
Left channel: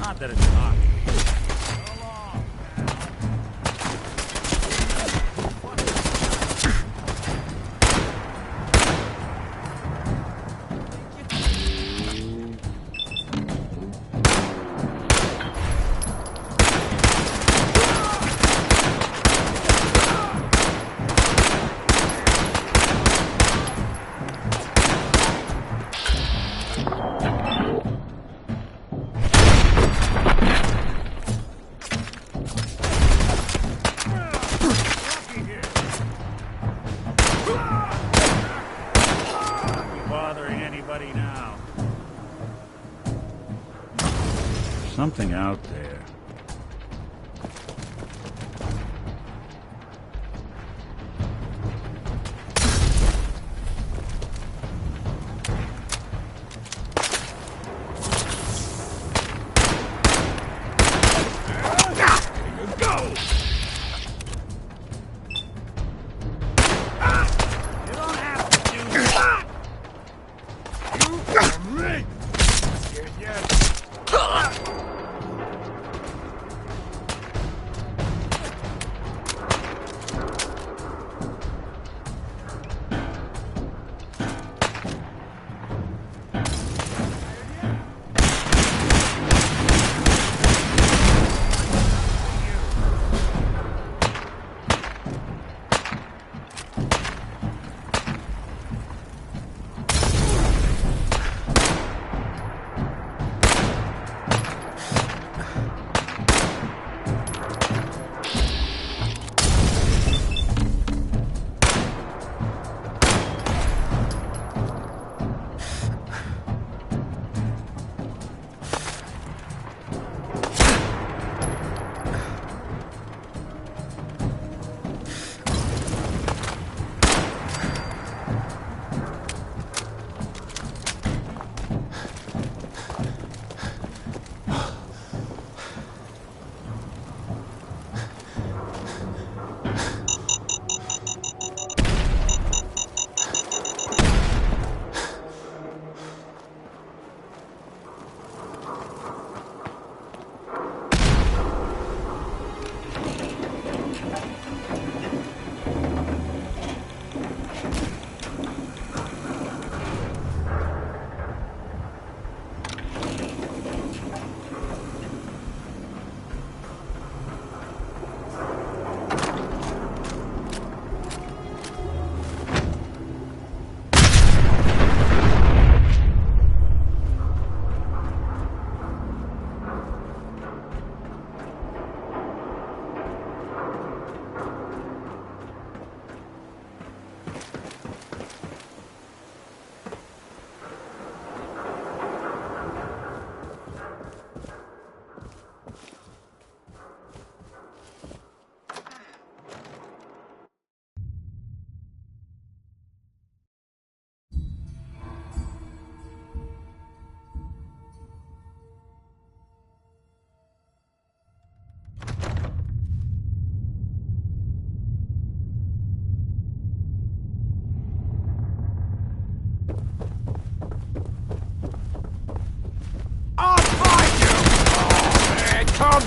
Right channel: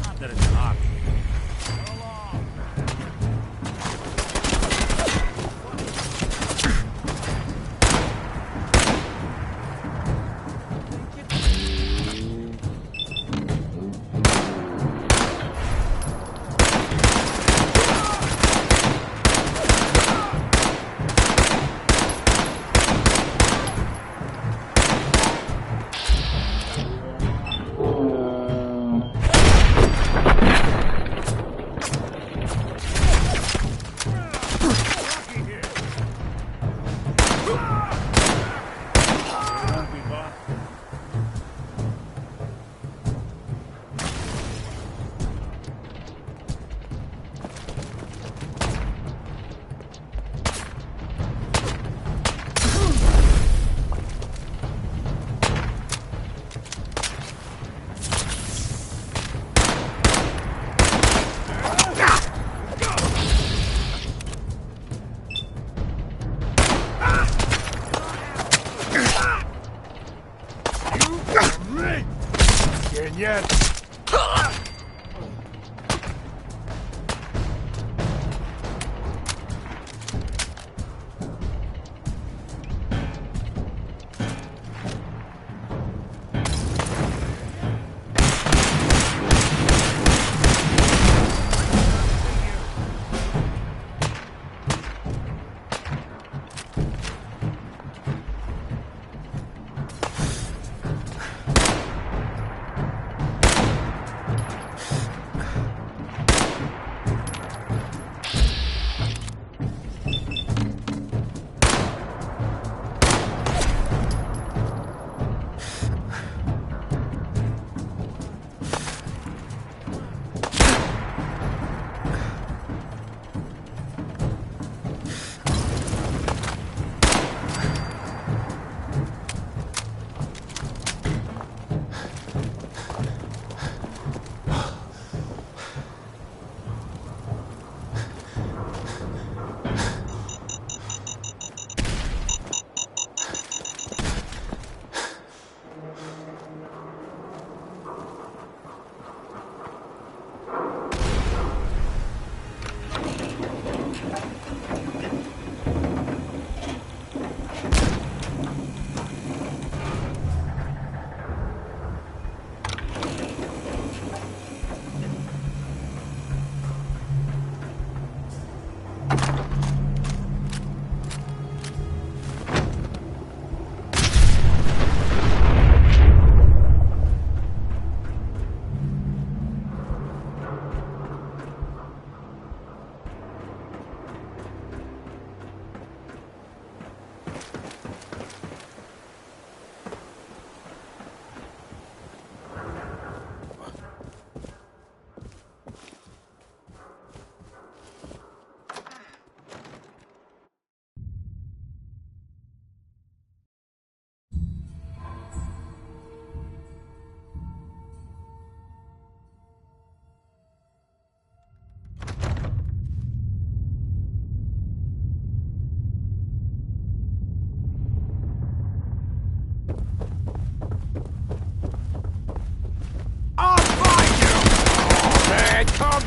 Not that it's hockey. So long.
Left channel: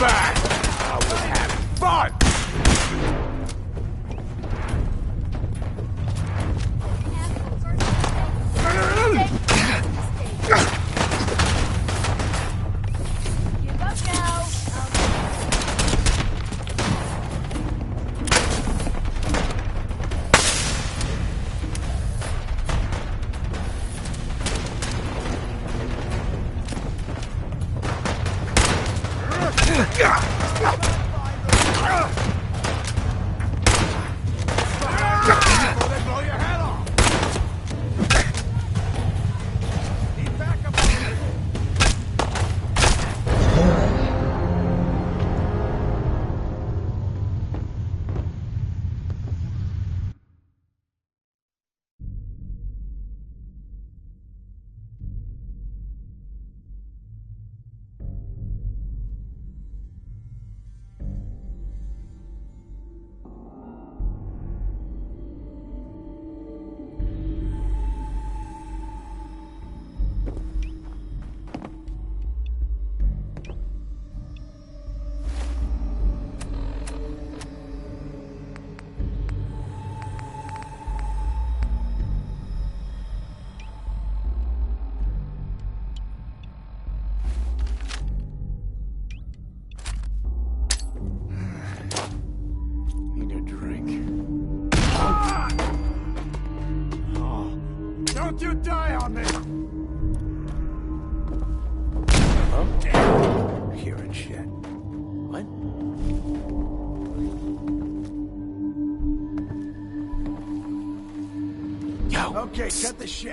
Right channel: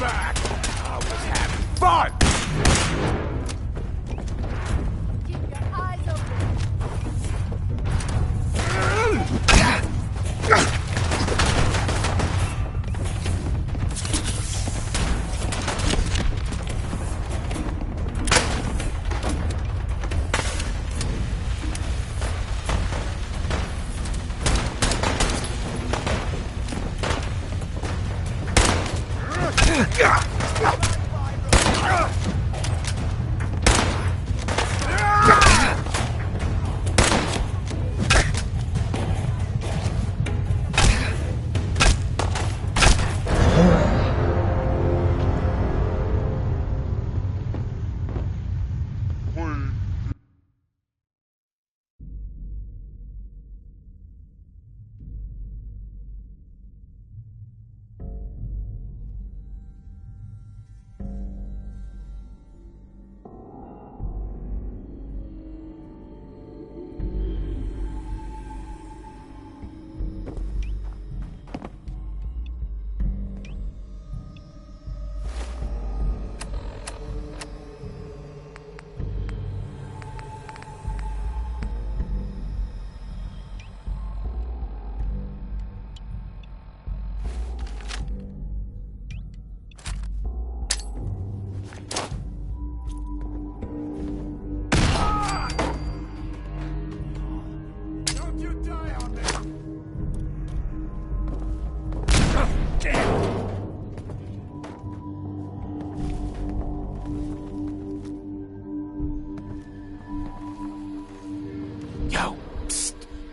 back! I was having fun!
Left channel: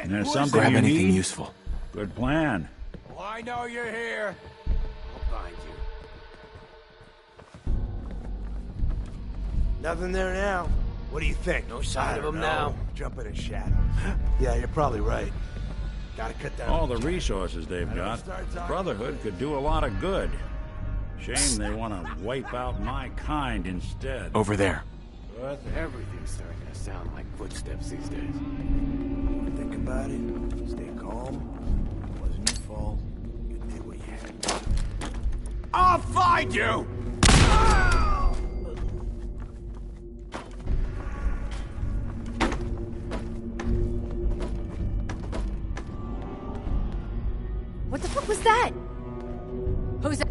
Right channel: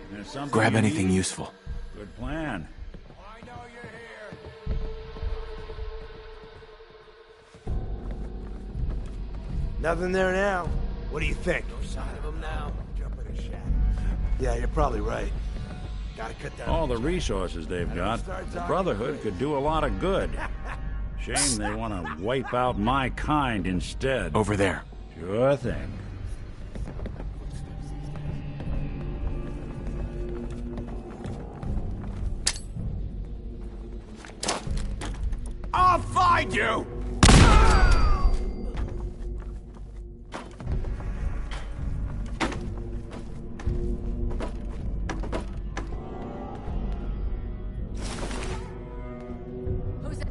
There's something Grab you anything need? useful. Good plan. Well, I know you're here. I'll find you. Nothing there now. What do you think? No sign of him now. Jump in the shadows. Yeah, you're probably right. Gotta cut down All the resources they've got, the Brotherhood could do a lot of good. Shame they want to wipe out my kind instead. Over there. Sure thing. Everything's starting to sound like footsteps these days. Think about it. Stay calm. Wasn't your fault. You did what you had to do. I'll find you! What the fuck was that? Who's that?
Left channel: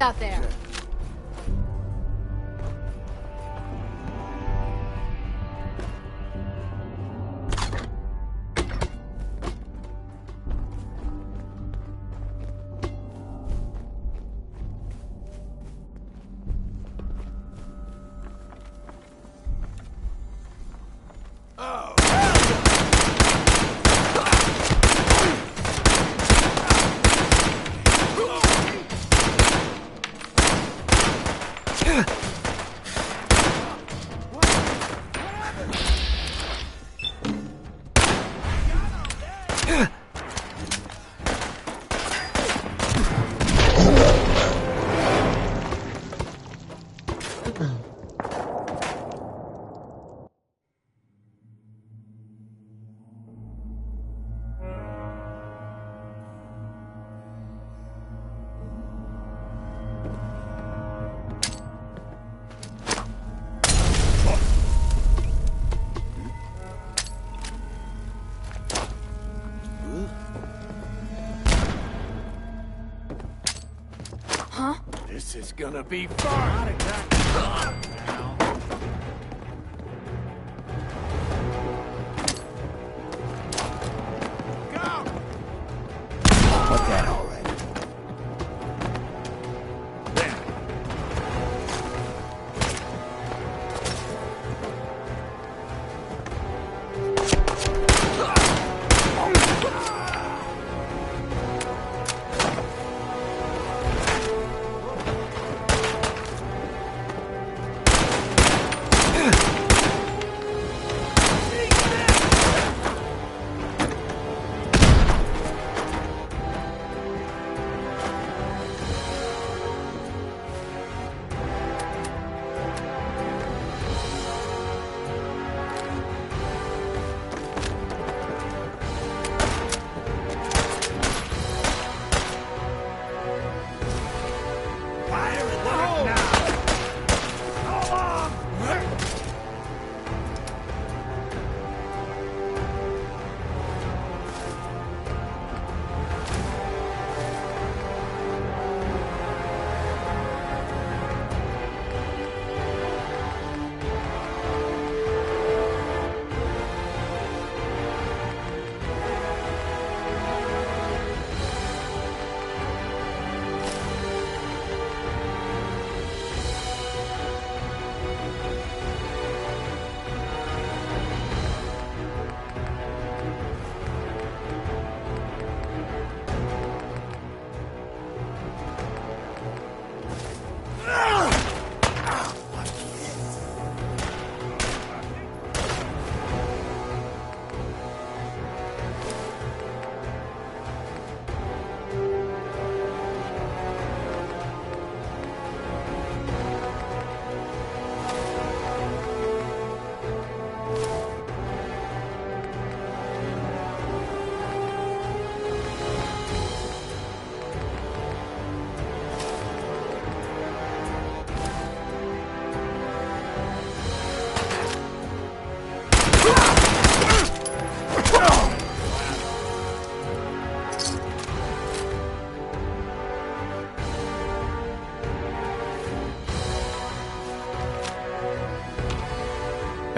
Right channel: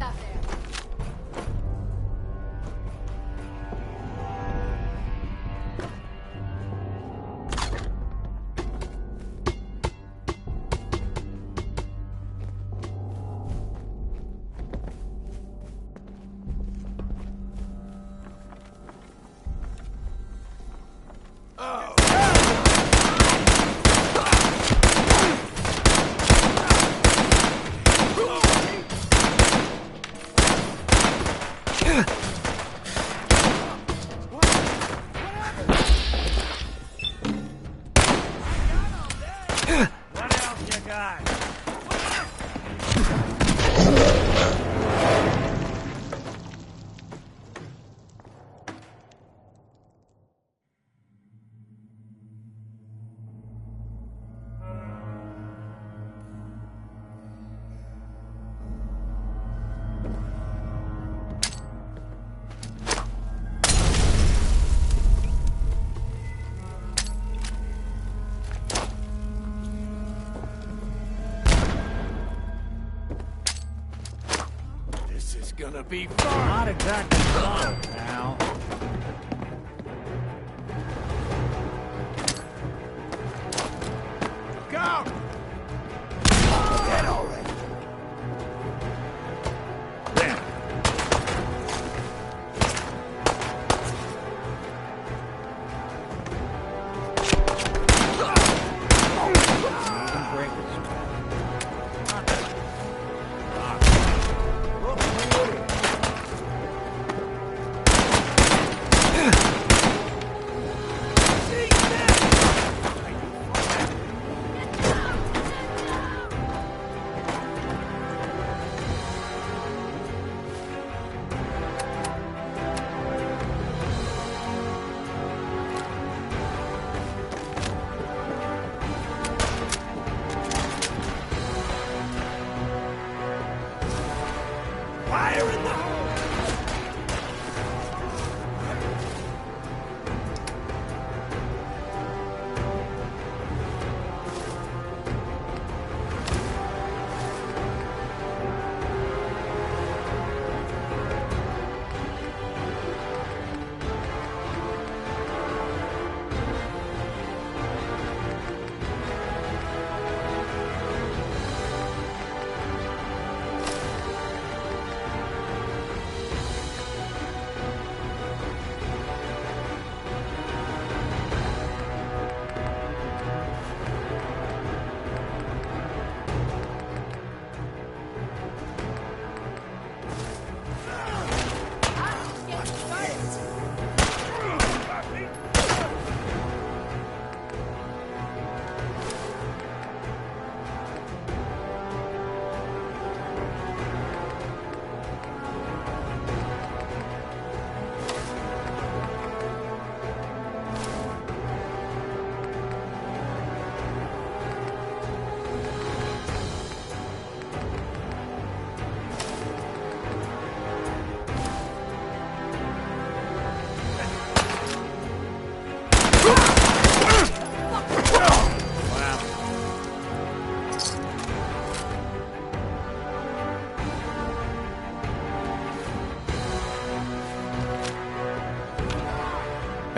Out there. This is gonna be fun! Not exactly fun, pal. Go! Look at already. There.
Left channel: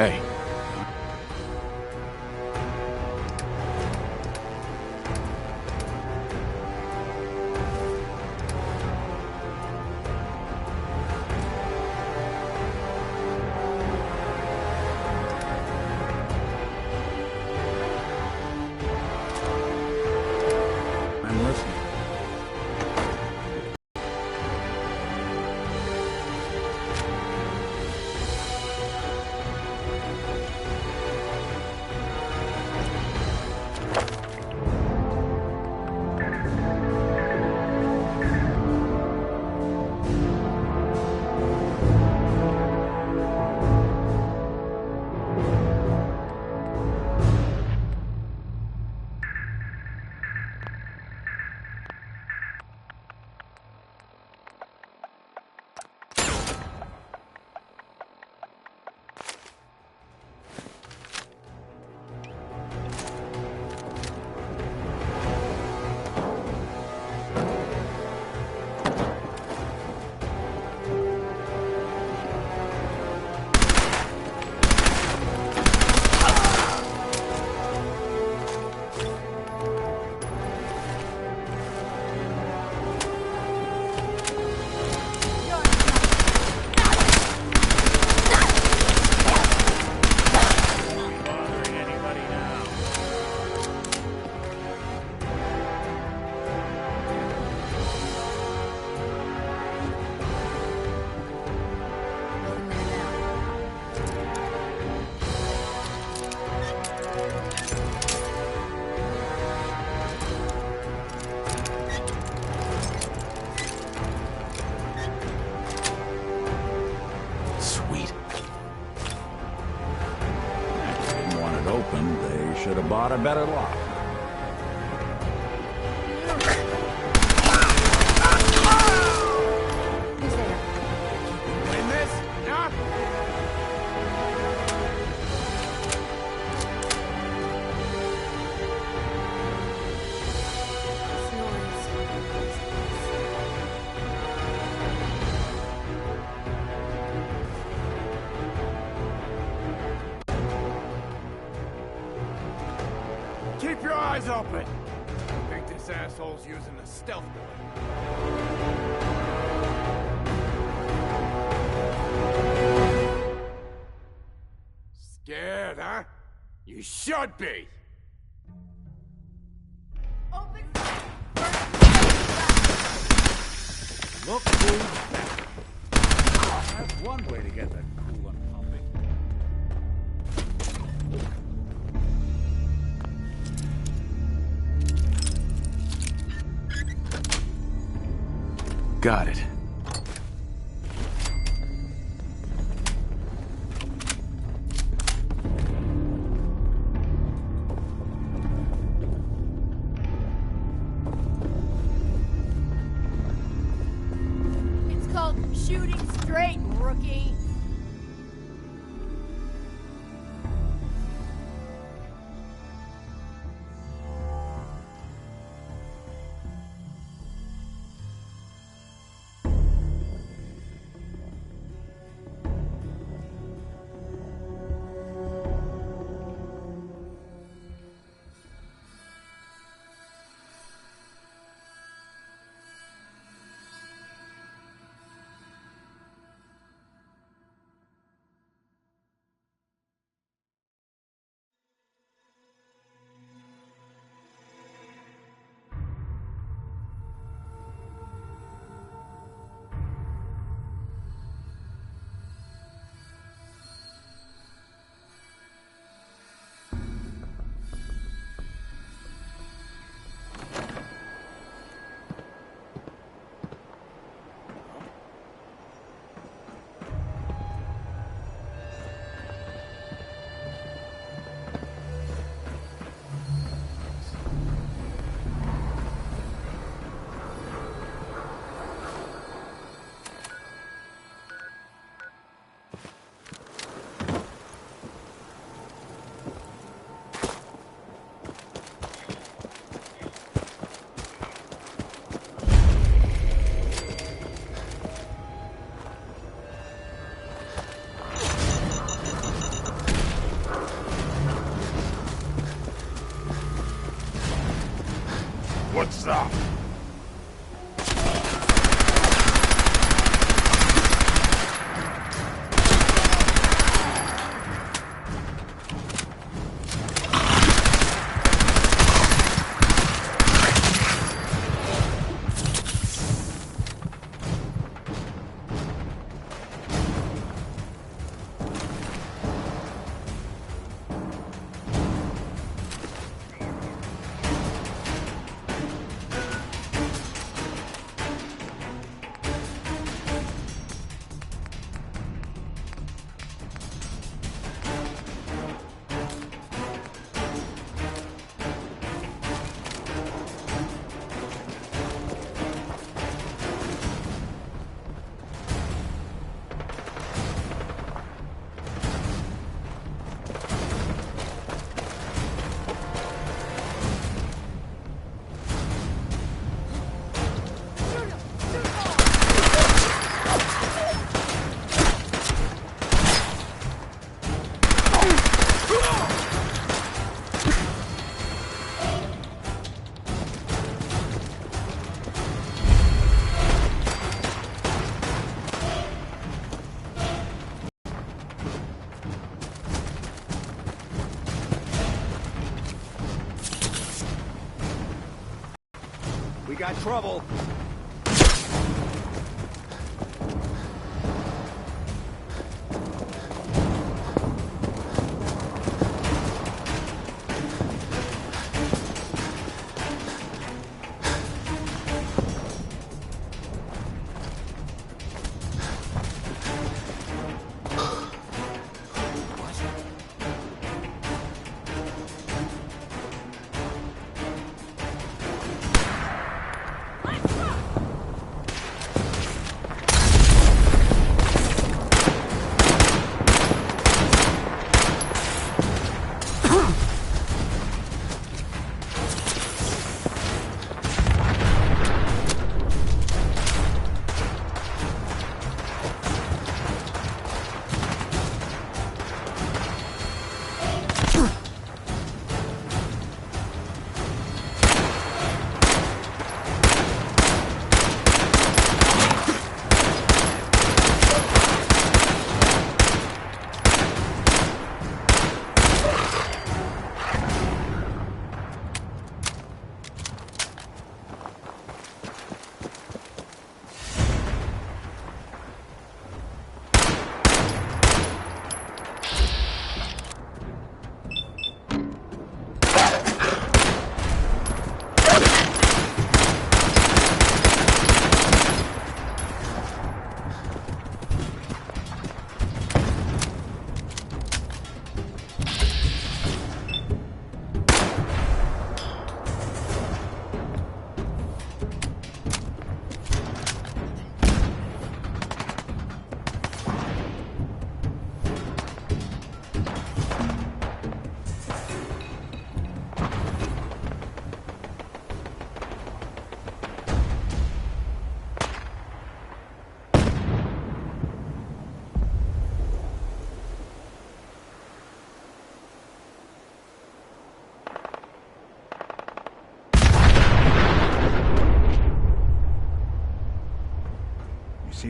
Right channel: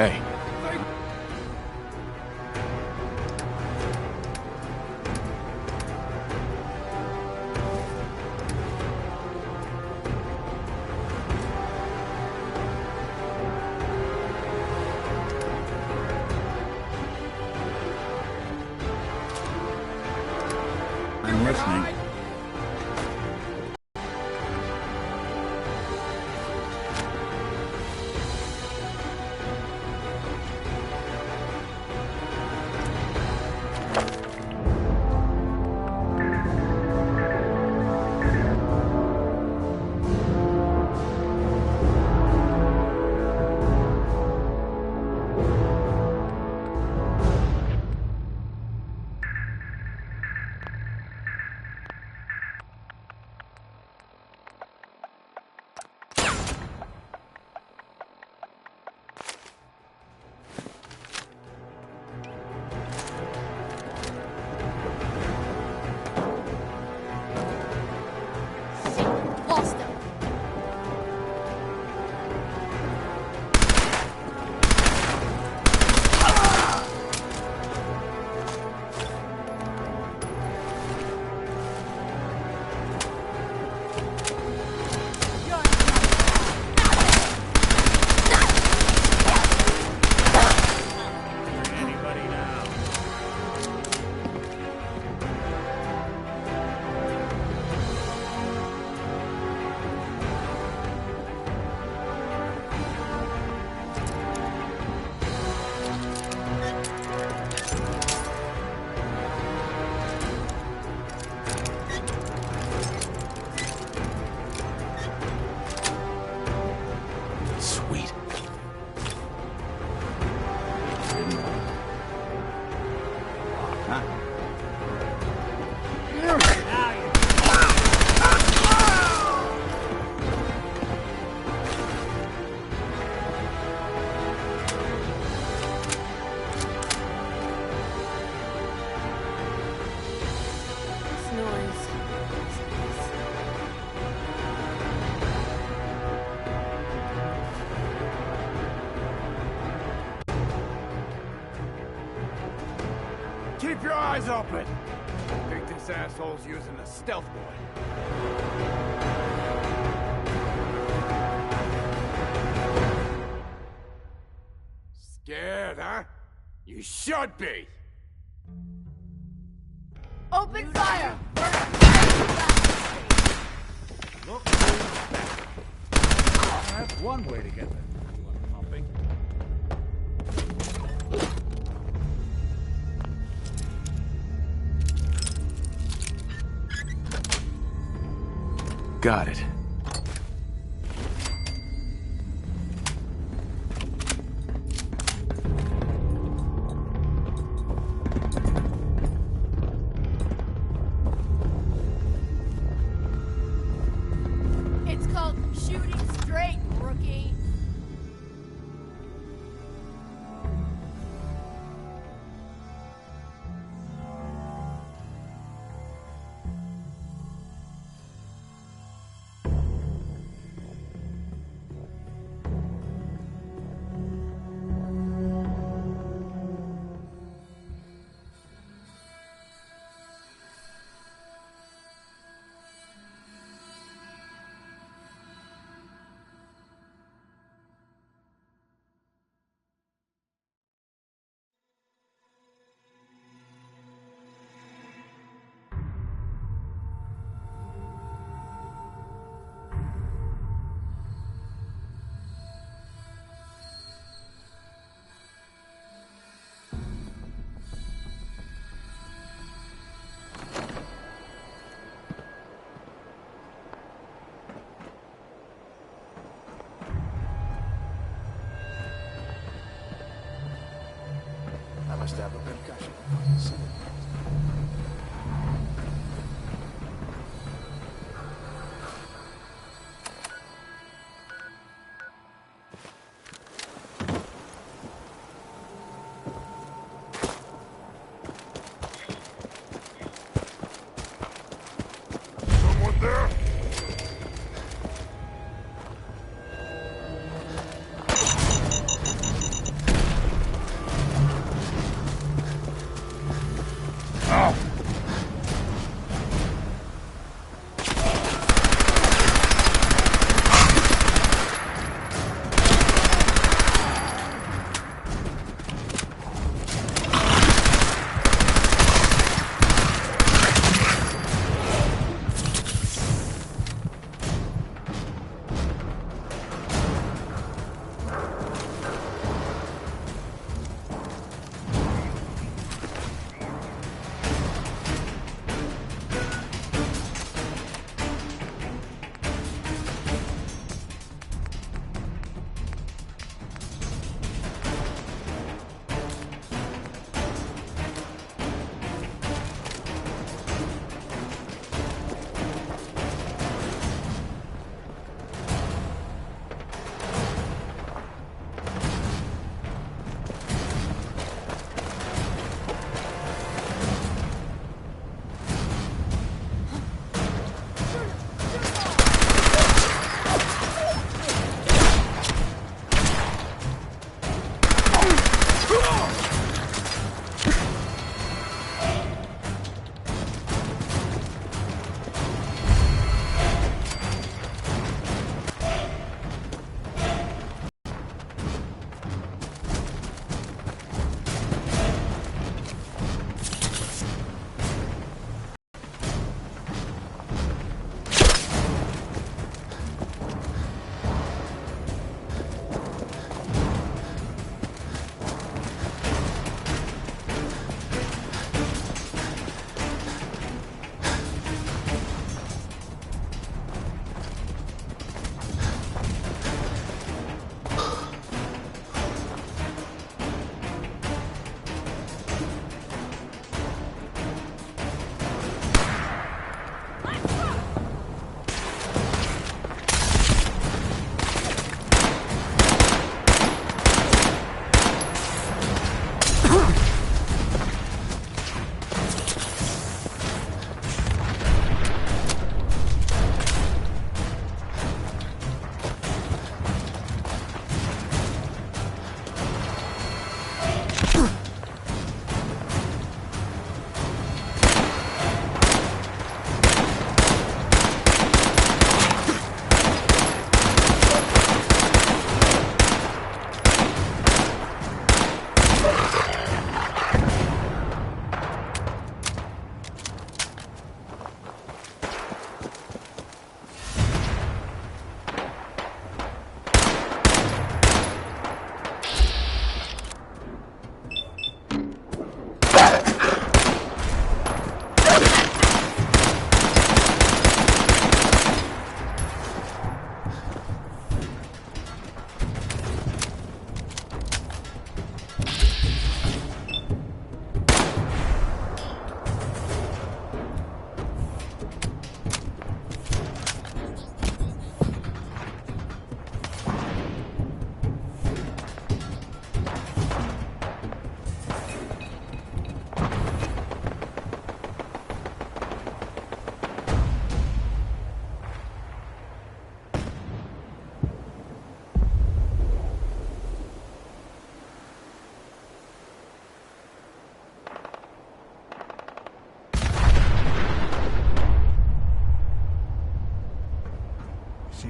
Hey. I'm listening. Bothering anybody now? Sweet. If they didn't want it open, they should have bought a better lock, huh? This noise. Keep your eyes open! Think this asshole's using a stealth boy. Scared, huh? You should be! Open fire! Look who's back. That's one way to get the coolant pumping. Got it. It's called shooting straight, rookie.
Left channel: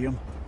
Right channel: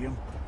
see him?